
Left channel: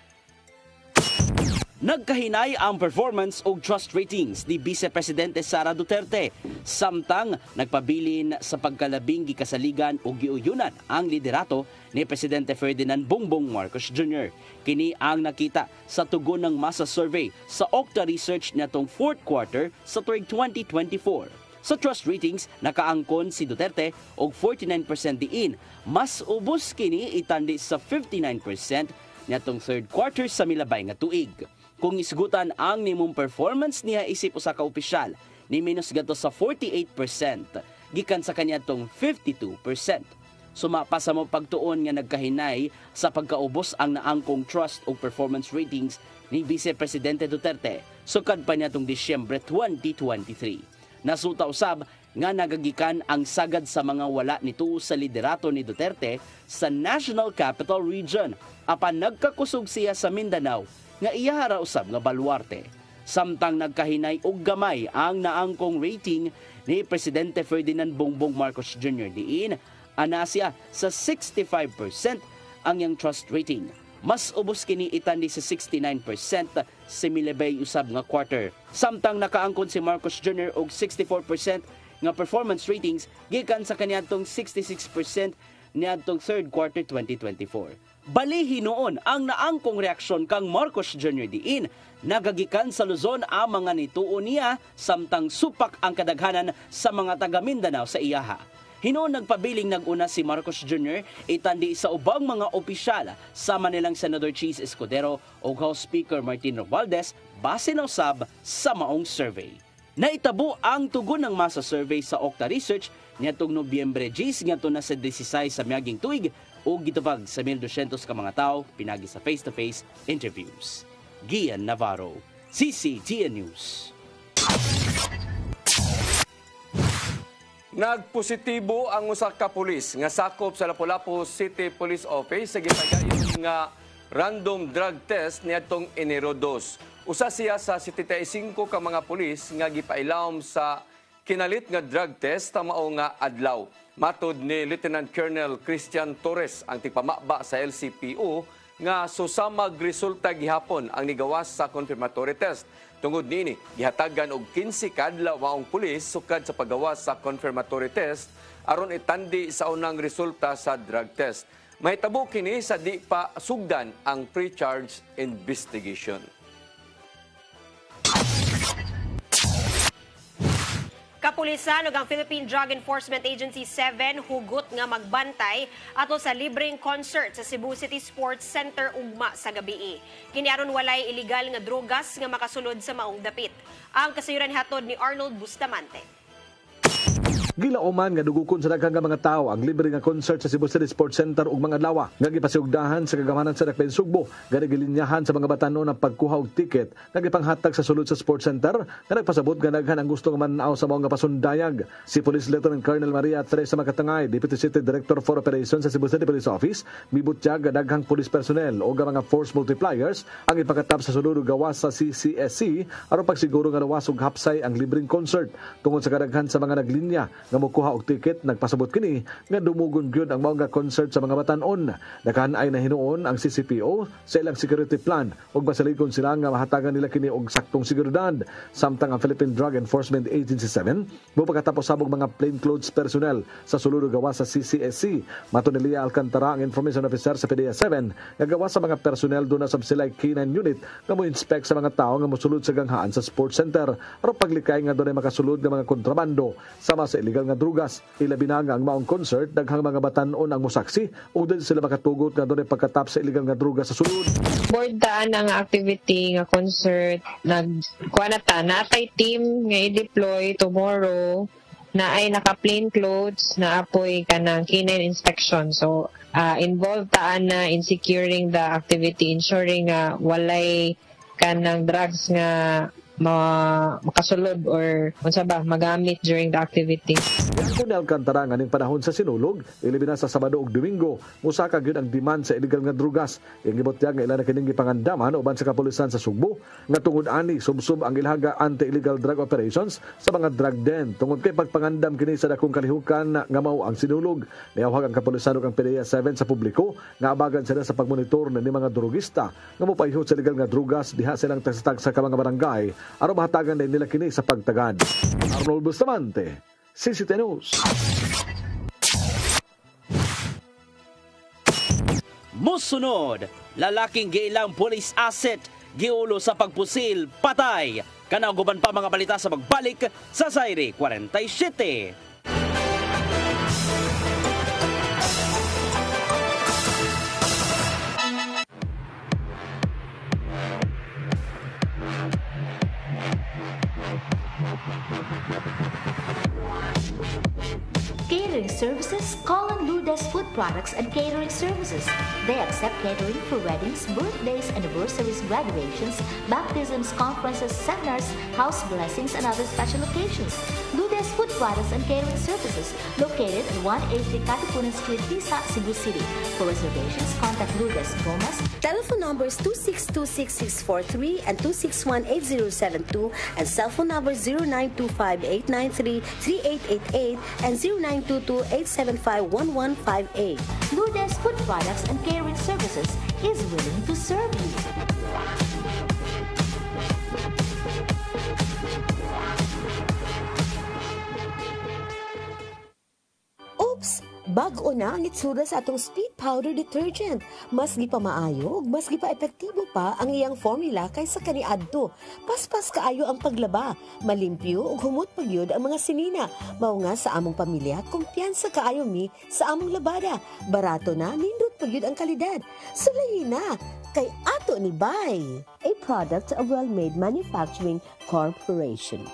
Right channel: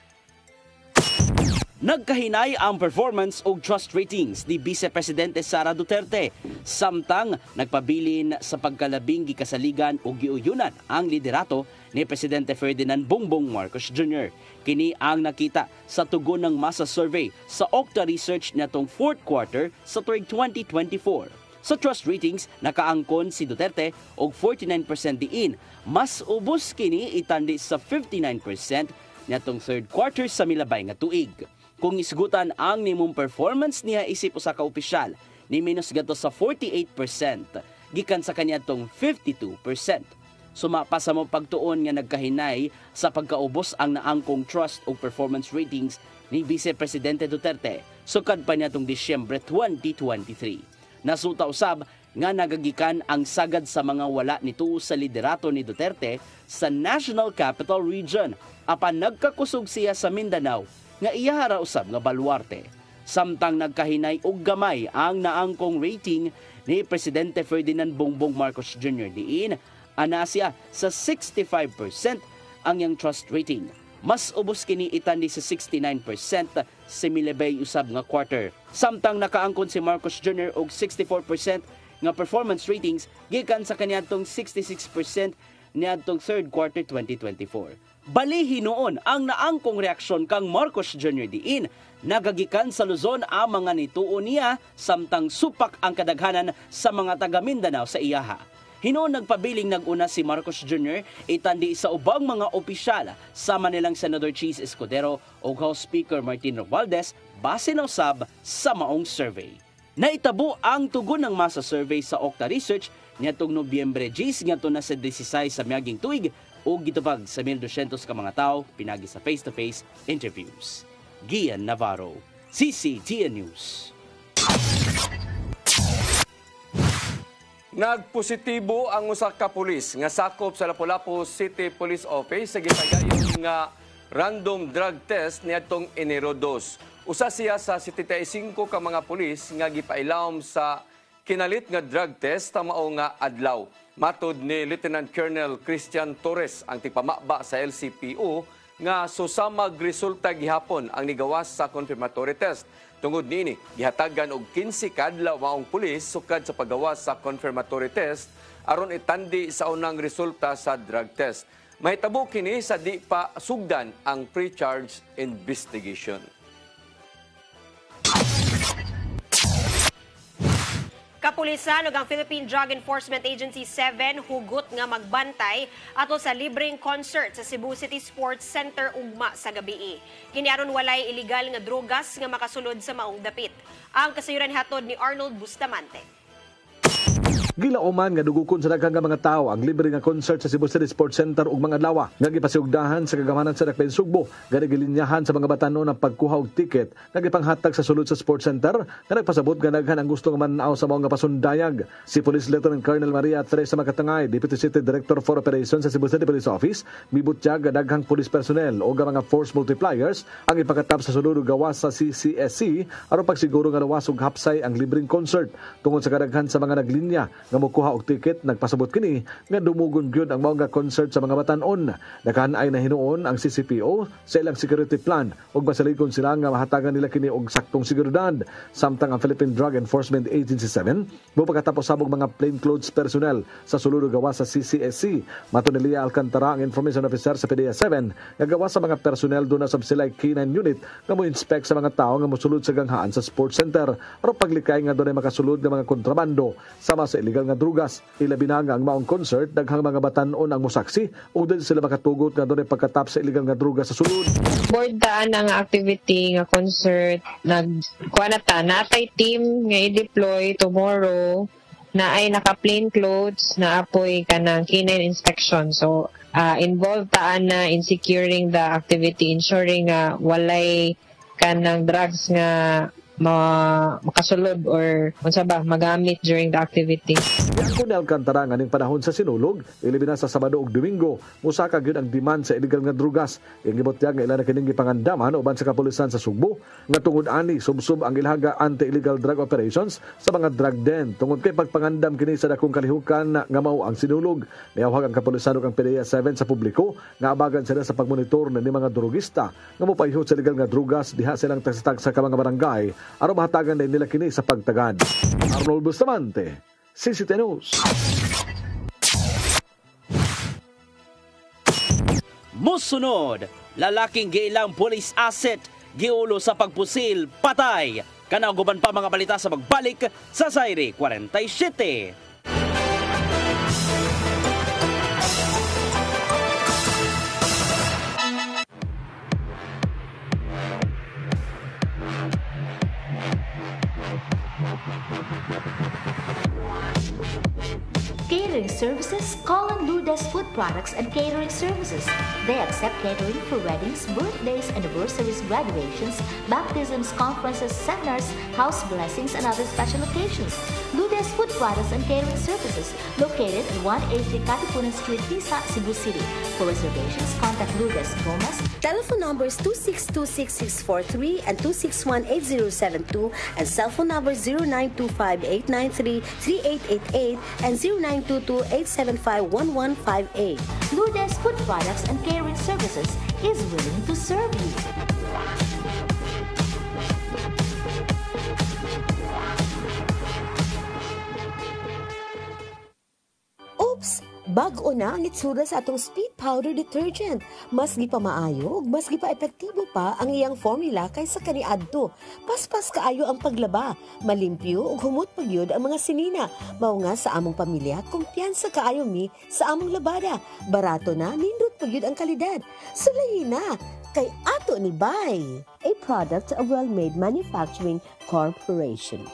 Nagkahinay ang performance o trust ratings ni Vice Presidente Sara Duterte. Samtang nagpabilin sa pagkalabing gikasaligan o giuyunan ang liderato ni Presidente Ferdinand Bongbong Marcos Jr. Kini ang nakita sa tugon ng masa survey sa Okta Research natong fourth quarter sa tuig 2024. Sa trust ratings, nakaangkon si Duterte og 49% diin. Mas ubos kini itandi sa 59% natong third quarter sa milabay nga tuig. Kung isgutan ang nimong performance niya isip usa ka opisyal, ni minus gato sa 48%, gikan sa kanya tong 52%. Sumapa sa mo pagtuon nga nagkahinay sa pagkaubos ang naangkong trust o performance ratings ni Vice Presidente Duterte sukad pa niya tong Disyembre 2023. Nasuta usab nga nagagikan ang sagad sa mga wala nito sa liderato ni Duterte sa National Capital Region apan nagkakusog siya sa Mindanao nga iyahara usab nga baluarte. Samtang nagkahinay og gamay ang naangkong rating ni Presidente Ferdinand Bongbong Marcos Jr. diin ana siya sa 65% ang iyang trust rating. Mas ubos kini itandi sa 69% sa milabay usab nga quarter. Samtang nakaangkon si Marcos Jr. og 64% nga performance ratings gikan sa kaniadtong 66% niadtong third quarter 2024. Bali hinuon ang naangkong reaksyon kang Marcos Jr. diin nagagikan sa Luzon ang mga nituon niya samtang supak ang kadaghanan sa mga taga Mindanao sa iyaha. Hinuon nagpabiling naguna si Marcos Jr. itandi sa ubang mga opisyal sama nilang Senador Cheese Escudero o House Speaker Martin Romualdez base na usab sa maong survey. Naitabo ang tugon ng masa survey sa Okta Research niadtong Nobyembre 10 ngadto na sa 16 sa miaging tuig o gitubag sa 1,200 ka mga tao pinagi sa face-to-face interviews. Gian Navarro, CCTN News. Nagpositibo ang usa ka pulis nga sakop sa Lapu-Lapu City Police Office sa gitagayon nga random drug test niadtong Enero 2. Usa siya sa 75 ka mga pulis nga gipailawom sa kinalit nga drug test ta mao nga adlaw. Matod ni Lieutenant Colonel Christian Torres ang tigpamaba sa LCPO nga susamag resulta gihapon ang nigawas sa confirmatory test. Tungod niini, gihatagan og 15 kadlaw maong pulis sukad sa paggawas sa confirmatory test aron itandi sa unang resulta sa drug test. Mahitabo kini sa di pa sugdan ang pre-charge investigation. Kapulisan ug ang Philippine Drug Enforcement Agency 7 hugot nga magbantay ato sa libreng concert sa Cebu City Sports Center ugma sa gabii. Kini aron walay illegal nga drogas nga makasulod sa maong dapit. Ang kasayuran hatod ni Arnold Bustamante. Gilauman nga dugukon sa daghang mga tawo ang libre nga concert sa Cebu City Sports Center ug mga adlaw nga gipasiugdahan sa kagamanan sa Dakbayan Sugbo nga gilinyahan sa mga batanon ang pagkuha og tiket nga gipanghatag sa sulod sa Sports Center nga nagpasabot nga daghan ang gusto nga man-aw sa mga pasundayag. Si Police Lieutenant Colonel Maria Teresa Makatangay, Deputy City Director for Operations sa Cebu City Police Office, mibutyag nga daghang police personnel o mga force multipliers ang ipakatap sa sulod ug gawas sa CCSC aron pagsiguro nga luwas ug hapsay ang libreng concert. Tungod sa kadaghan sa mga naglinya nga mokuha og tiket, nagpasabot kini nga dumugon gyud ang mga concert sa mga batan-on. Daghan ay nahinuon ang CCPO sa ilang security plan ug basaligon sila nga mahatagan nila kini og saktong seguridad. Samtang ang Philippine Drug Enforcement Agency 7 mopagkatapos sabog mga plainclothes personnel sa sulod ug gawas sa CCSC. Mato ni Lia Alcantara, ang information officer sa PDEA 7, nga gawas sa mga personnel doon sa Silay K9 unit nga mo-inspect sa mga tao nga mosulod sa ganghaan sa sports center aron paglikay nga doon ay makasulod nga mga kontrabando sama sa illegal nga drugas. Ilabi na nga ang maong concert, daghang mga batan-on ang musaksi o din sila makatugot nga doon ay pagkatap sa illegal nga drugas sa sulod. Board daan ang activity nga concert, nagkuha na ta, natay team nga i-deploy tomorrow na ay naka-plain clothes na apoy ka ng canine inspection. So, involved taan na in securing the activity, ensuring walay ka ng drugs nga makasulod or unsa ba magamit during the activity. Kung Alcantara nga ning panahon sa sinulog, ilibina sa Sabado ug Domingo, musaka gyud ang demand sa illegal nga drugas. Ang gibutyag nga ila na kining gipangandaman uban sa kapulisan sa Sugbo nga tungod ani subsub ang ilhaga anti-illegal drug operations sa mga drug den. Tungod kay pagpangandam kini sa dakong kalihukan nga mao ang sinulog. Niyawhag ang kapulisan ug ang PDEA 7 sa publiko nga abagan sila sa pagmonitor ni mga drugista nga mopahihot sa illegal nga drugas diha silang tagsatag sa mga barangay aron mahatagan din nila kini sa pagtagad. Arnold Bustamante, CCTV News. Musunod, lalaking giilang police asset giulo sa pagpusil, patay. Kanauguban pa mga balita sa magbalik sa Zaire 47. Catering services, call on Lourdes Food Products and Catering Services. They accept catering for weddings, birthdays, anniversaries, graduations, baptisms, conferences, seminars, house blessings, and other special occasions. Lourdes Food Products and Catering Services, located at 183 Katipunan Street, Tisa, Cebu City. For reservations, contact Lourdes Gomez. Telephone numbers 2626643 and 2618072 and cell phone number 0925-893-3888 and 0922-875-1158. Lourdes Food Products and Catering Services is willing to serve you. Oops! Bag-o na ang itsura sa atong speed powder detergent. Mas gi pa maayo, mas gi pa epektibo pa ang iyang formula kaysa kaniadto. Paspas kaayo ang paglaba, malimpyo ug humot pagyud ang mga sinina. Mao nga sa among pamilya, kumpiyansa kaayo mi sa among labada. Barato na, nindot pagyud ang kalidad. Sulayin na kay ato ni Bay, a product of Well-Made Manufacturing Corporation.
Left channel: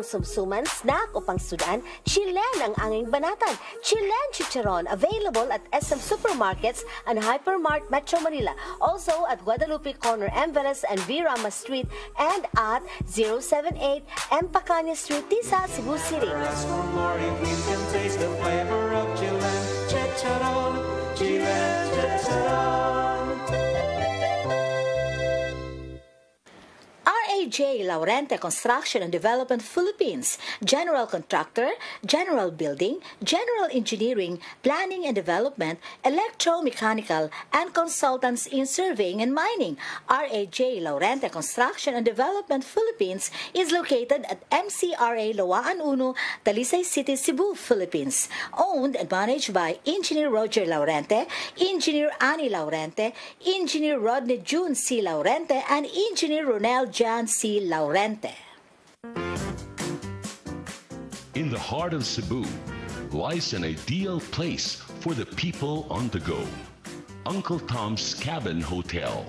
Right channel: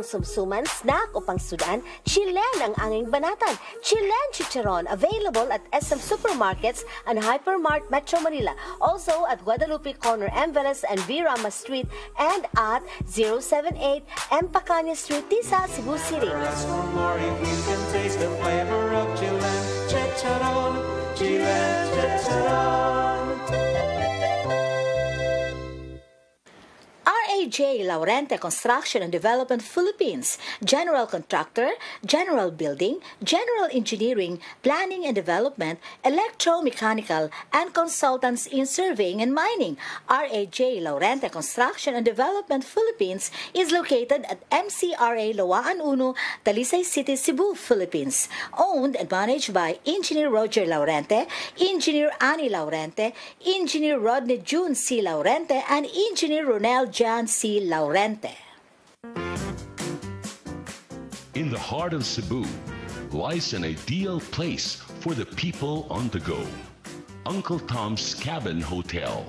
ang sumsuman, snack o pangsudan, Chilen ang anging banatan. Chilen Chicharon, available at SM Supermarkets and Hypermart Metro Manila. Also at Guadalupe Corner, Enveles and V. Rama Street, and at 078 M. Pacania Street, Tisa, Cebu City. RAJ Laurente Construction and Development Philippines, General Contractor, General Building, General Engineering, Planning and Development, Electromechanical, and Consultants in Surveying and Mining. RAJ Laurente Construction and Development Philippines is located at MCRA Lawaan Uno, Talisay City, Cebu, Philippines. Owned and managed by Engineer Roger Laurente, Engineer Annie Laurente, Engineer Rodney June C. Laurente, and Engineer Ronel Jan C. Laurente. In the heart of Cebu lies an ideal place for the people on the go. Uncle Tom's Cabin Hotel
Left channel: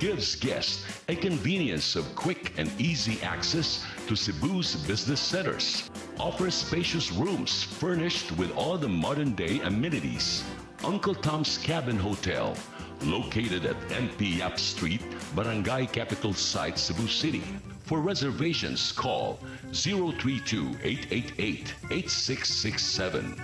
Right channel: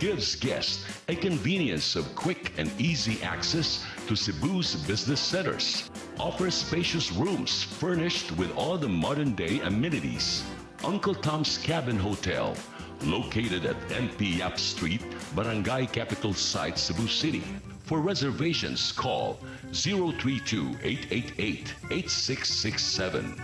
gives guests a convenience of quick and easy access to Cebu's business centers. Offers spacious rooms furnished with all the modern-day amenities. Uncle Tom's Cabin Hotel, located at NP Yap Street, Barangay Capital Site, Cebu City. For reservations, call 032-888-8667.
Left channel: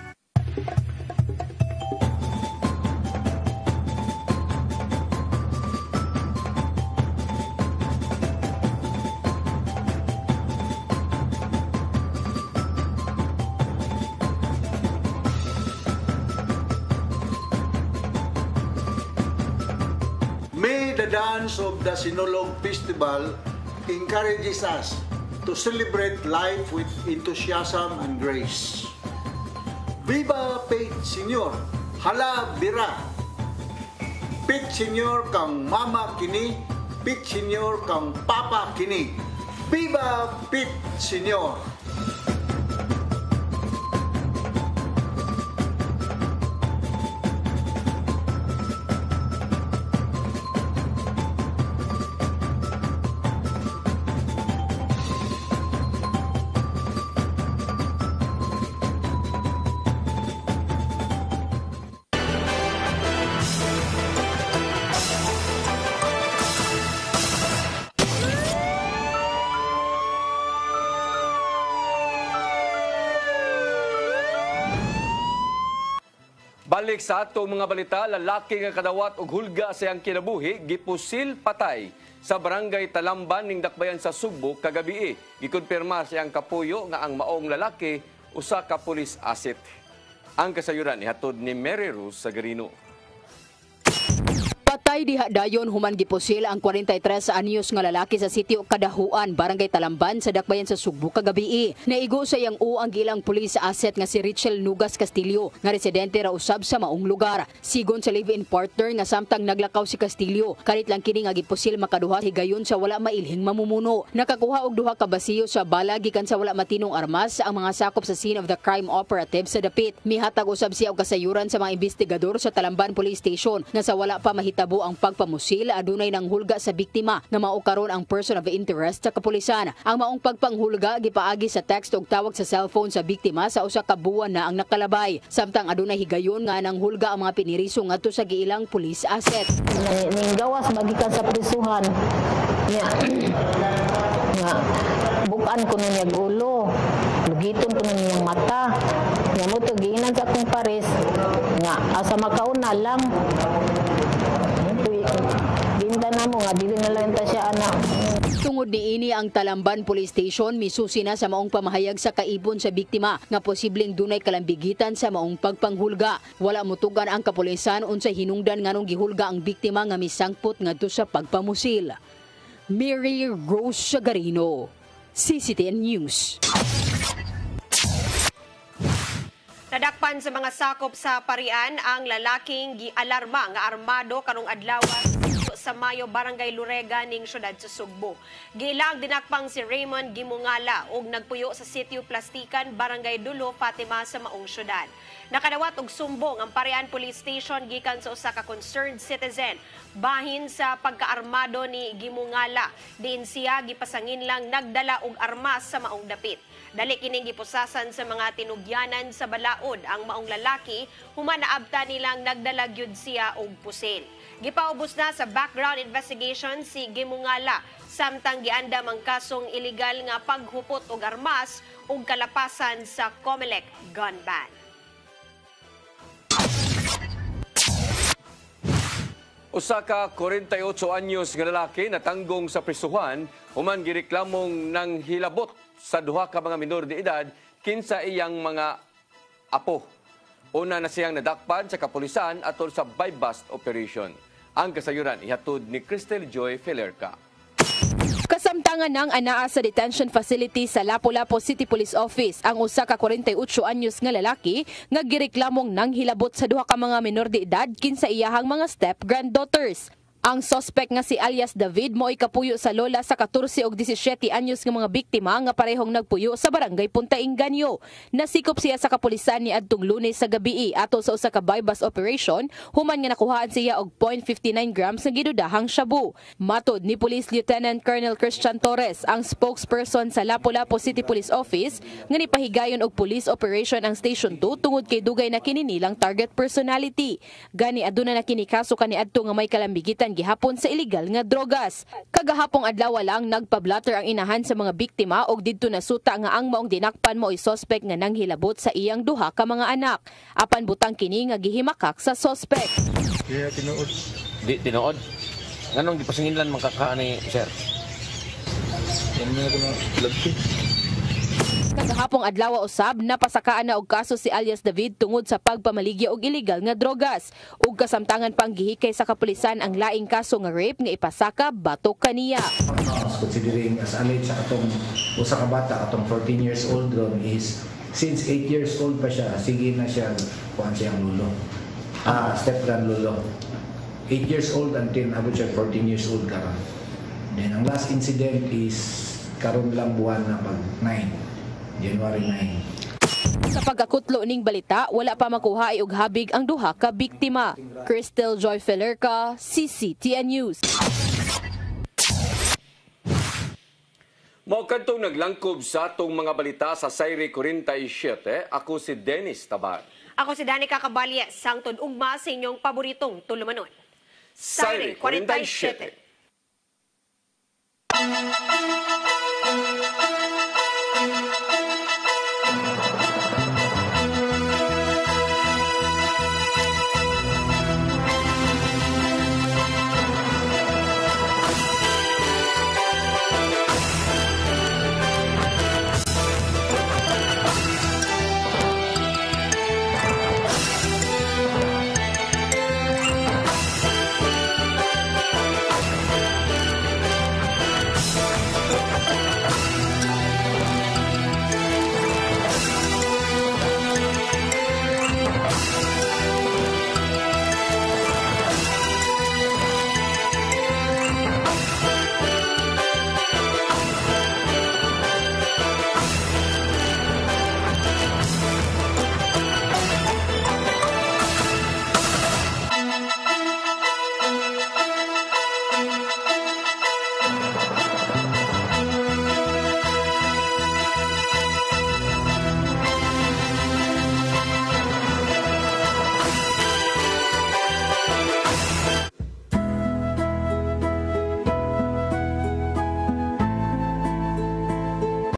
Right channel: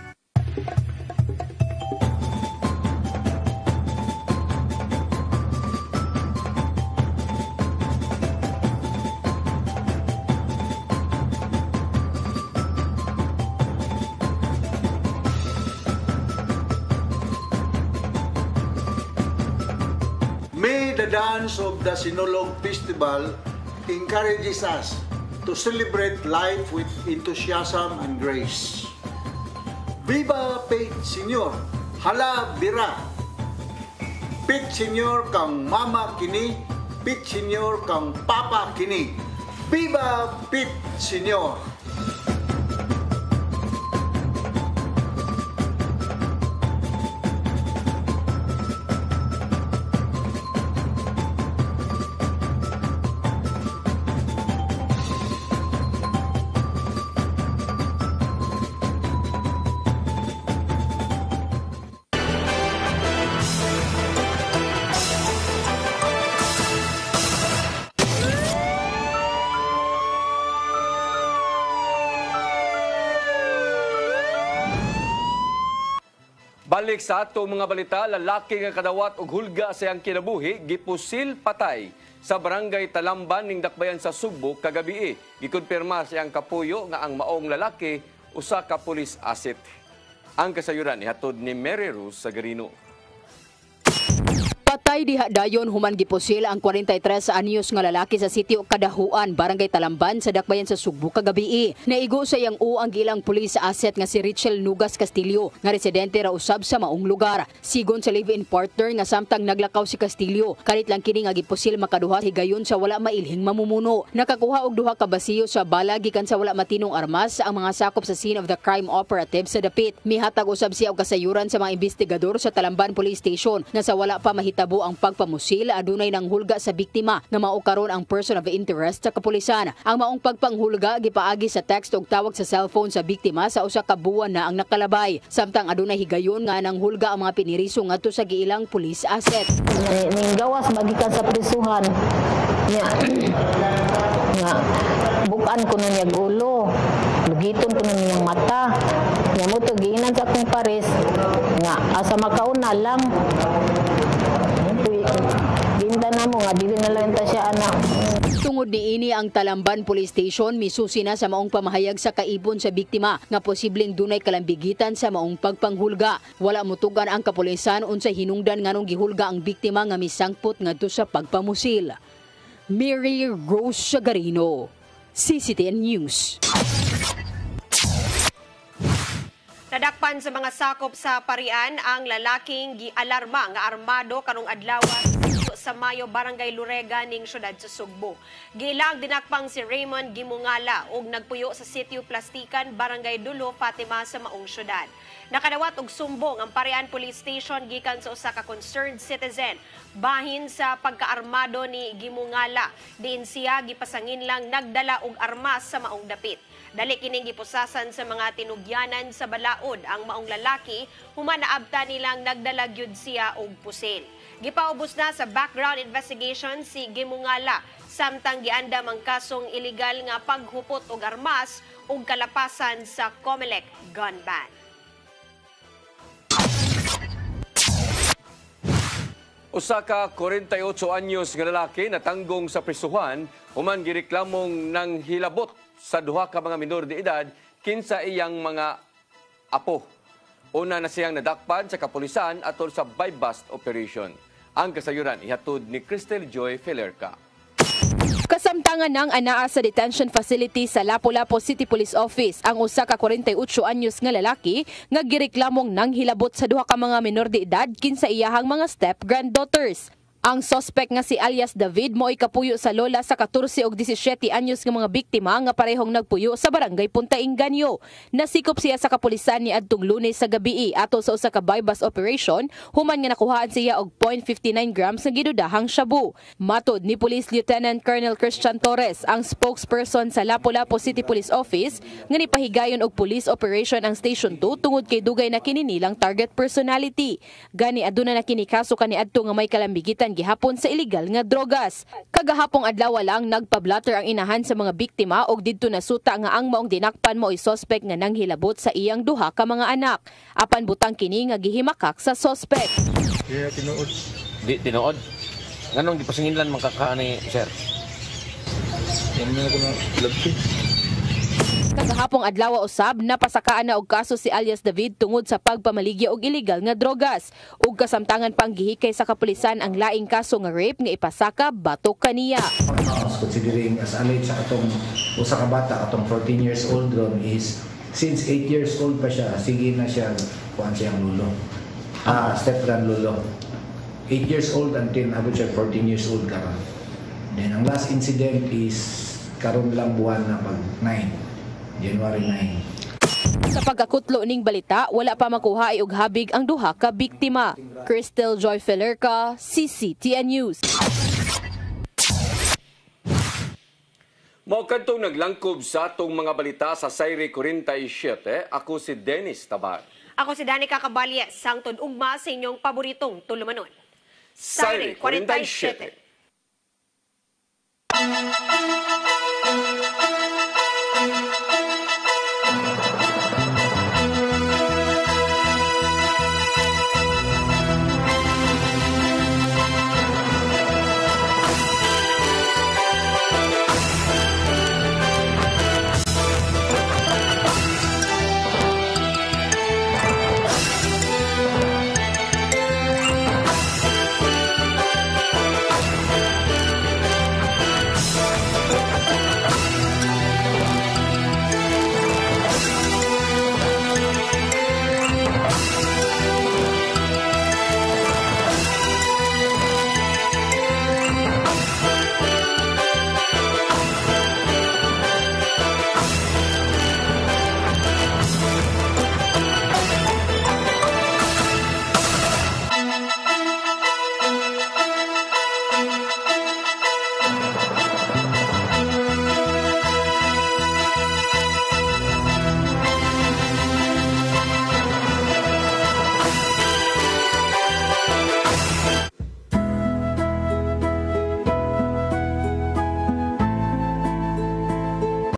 May the dance of the Sinulog Festival encourages us to celebrate life with enthusiasm and grace. Viva Pete Senior, hala bira. Pete Senior kang mama kini, Pete Senior kang papa kini. Viva Pete Senior. Balik sa atong mga balita, lalaki nga kadawat og hulga sa iyang kinabuhi gipusil patay sa barangay Talamban ning Dakbayan sa Sugbo kagabi. Gikumpirma sa iyang kapuyo nga ang maong lalaki usa ka pulis asset. Ang kasayuran ihatod ni Mary Rose Sagarino. Patay diha dayon human gipusil ang 43 anyos nga lalaki sa sitio Kadahuan, Barangay Talamban sa Dakbayan sa Sugbo kagabi. Naigo sa iyang ang gilang pulis asset nga si Richel Nugas Castillo nga residente ra usab sa maong lugar. Sigon sa live-in partner nga samtang naglakaw si Castillo, kalit lang kini nga gipusil makaduha higayon sa wala mailhing mamumuno. Nakakuha og duha ka basiyo sa bala gikan sa wala matinong armas ang mga sakop sa scene of the crime operative sa dapit. Mihatag usab siya og kasayuran sa mga investigador sa Talamban Police Station nga sa wala pa mahitabo ang pagpamusil adunay nang hulga sa biktima nga mao karon ang person of interest sa kapulisan. Ang maong pagpanghulga gipaagi sa text ug tawag sa cellphone sa biktima sa usa ka buwan na ang nakalabay. Samtang adunay higayon nga nang hulga ang mga piniriso ngadto sa giilang police asset. Ning gawas magikan sa prisuhan. Nga bukan ko na niya ulo. Lugiton ko na niyang mata. Nga mo to giinan sa akong pares nga asa makauna lang. Na mo nga dili na lang ta siya anak. Tungod niini ang Talamban Police Station misusi na sa maong pamahayag sa kaibon sa biktima nga posibleng dunay kalambigitan sa maong pagpanghulga. Wala motugan ang kapulisan unsay hinungdan nganong gihulga ang biktima nga misangpot ngadto sa pagpamusil. Mary Rose Sagarino, CCTN News. Nadakpan sa mga sakop sa Parian ang lalaking gialarma nga armado kanong adlaw sa Mayo, Barangay Lurega ning syudad sa Sugbo. Gilang dinakpang si Raymond Gimungala og nagpuyo sa Sitio Plastikan, Barangay Dulo, Fatima sa maong syudad. Nakadawat og sumbong ang Parian Police Station gikan sa usa ka concerned citizen bahin sa pagkaarmado ni Gimungala. Diin siya gipasangin lang nagdala og armas sa maong dapit. Dali kining gipusasan sa mga tinugyanan sa balaod ang maong lalaki human naabta nilang nagdala gyud siya og pusil. Gipaubos na sa background investigation si Gimungala samtang giandam ang kasong illegal nga paghupot og armas ug kalapasan sa COMELEC gun ban. Usa ka 48 anyos nga lalaki natanggong sa prisuhan human gireklamong nang hilabot sa duha ka mga minor de edad kinsa iyang mga apo. Una na siyang nadakpan sa kapulisan atol sa buy-bust operation. Ang kasayuran ihatod ni Cristel Joy Felerca. Kasamtangan ng anaa sa detention facility sa Lapu-Lapu City Police Office ang usa ka 48 anyos nga lalaki nga gireklamong nang hilabot sa duha ka mga menor de edad kinsa iyahang mga step granddaughters. Ang suspect nga si alias David mo'y kapuyo sa lola sa 14 ug 17 anyos nga mga biktima nga parehong nagpuyo sa barangay Punta Inganyo. Nasikop siya sa kapulisan ni adtong Lunes sa gabi ato sa usa ka buy-bust operation human nga nakuhaan siya og 0.59 grams nga gidudahang shabu. Matod ni Police Lieutenant Colonel Christian Torres, ang spokesperson sa Lapu-Lapu City Police Office, nga nipahigayon og police operation ang Station 2 tungod kay dugay na kini nilang target personality. Gani aduna na kini kaso kaniadto nga may kalambigitan gihapon sa illegal nga drogas. Kagahapong adlaw lang nagpablatter ang inahan sa mga biktima og didto nasuta nga ang maong dinakpan mo ay suspect nga nanghilabot sa iyang duha ka mga anak. Apan butang kini nga gihimakak sa suspect. Kaya tinuod. Di tinuod. Nganong gipasinginlan makaka ni sir? Yan na ko na lagti. Kagahapong adlaw usab napasakaan na og kaso si alias David tungod sa pagpamaligya og illegal nga drogas ug kasamtangan pang gihikay sa kapulisan ang laing kaso nga rape nga ipasaka batok kaniya. Considering as alleged sa atong usa ka bata atong 14 years old ron is since 8 years old pa siya sige na siya kuan siyang lulo. Step grand lulo. 8 years old until abot siya 14 years old karon. Then ang last incident is karon lang buwan na pag 9 January 9. Sa pagkakutlo ning balita, wala pa makuha og habig ang duha ka biktima. Cristel Joy Felerca, CCTN News. Mao kadtong naglangkob sa atong mga balita sa Sayre 47. Ako si Dennis Tabar. Ako si Danica Caballes, sangtod ugma sa inyong paboritong tulumanon. Sayre 47.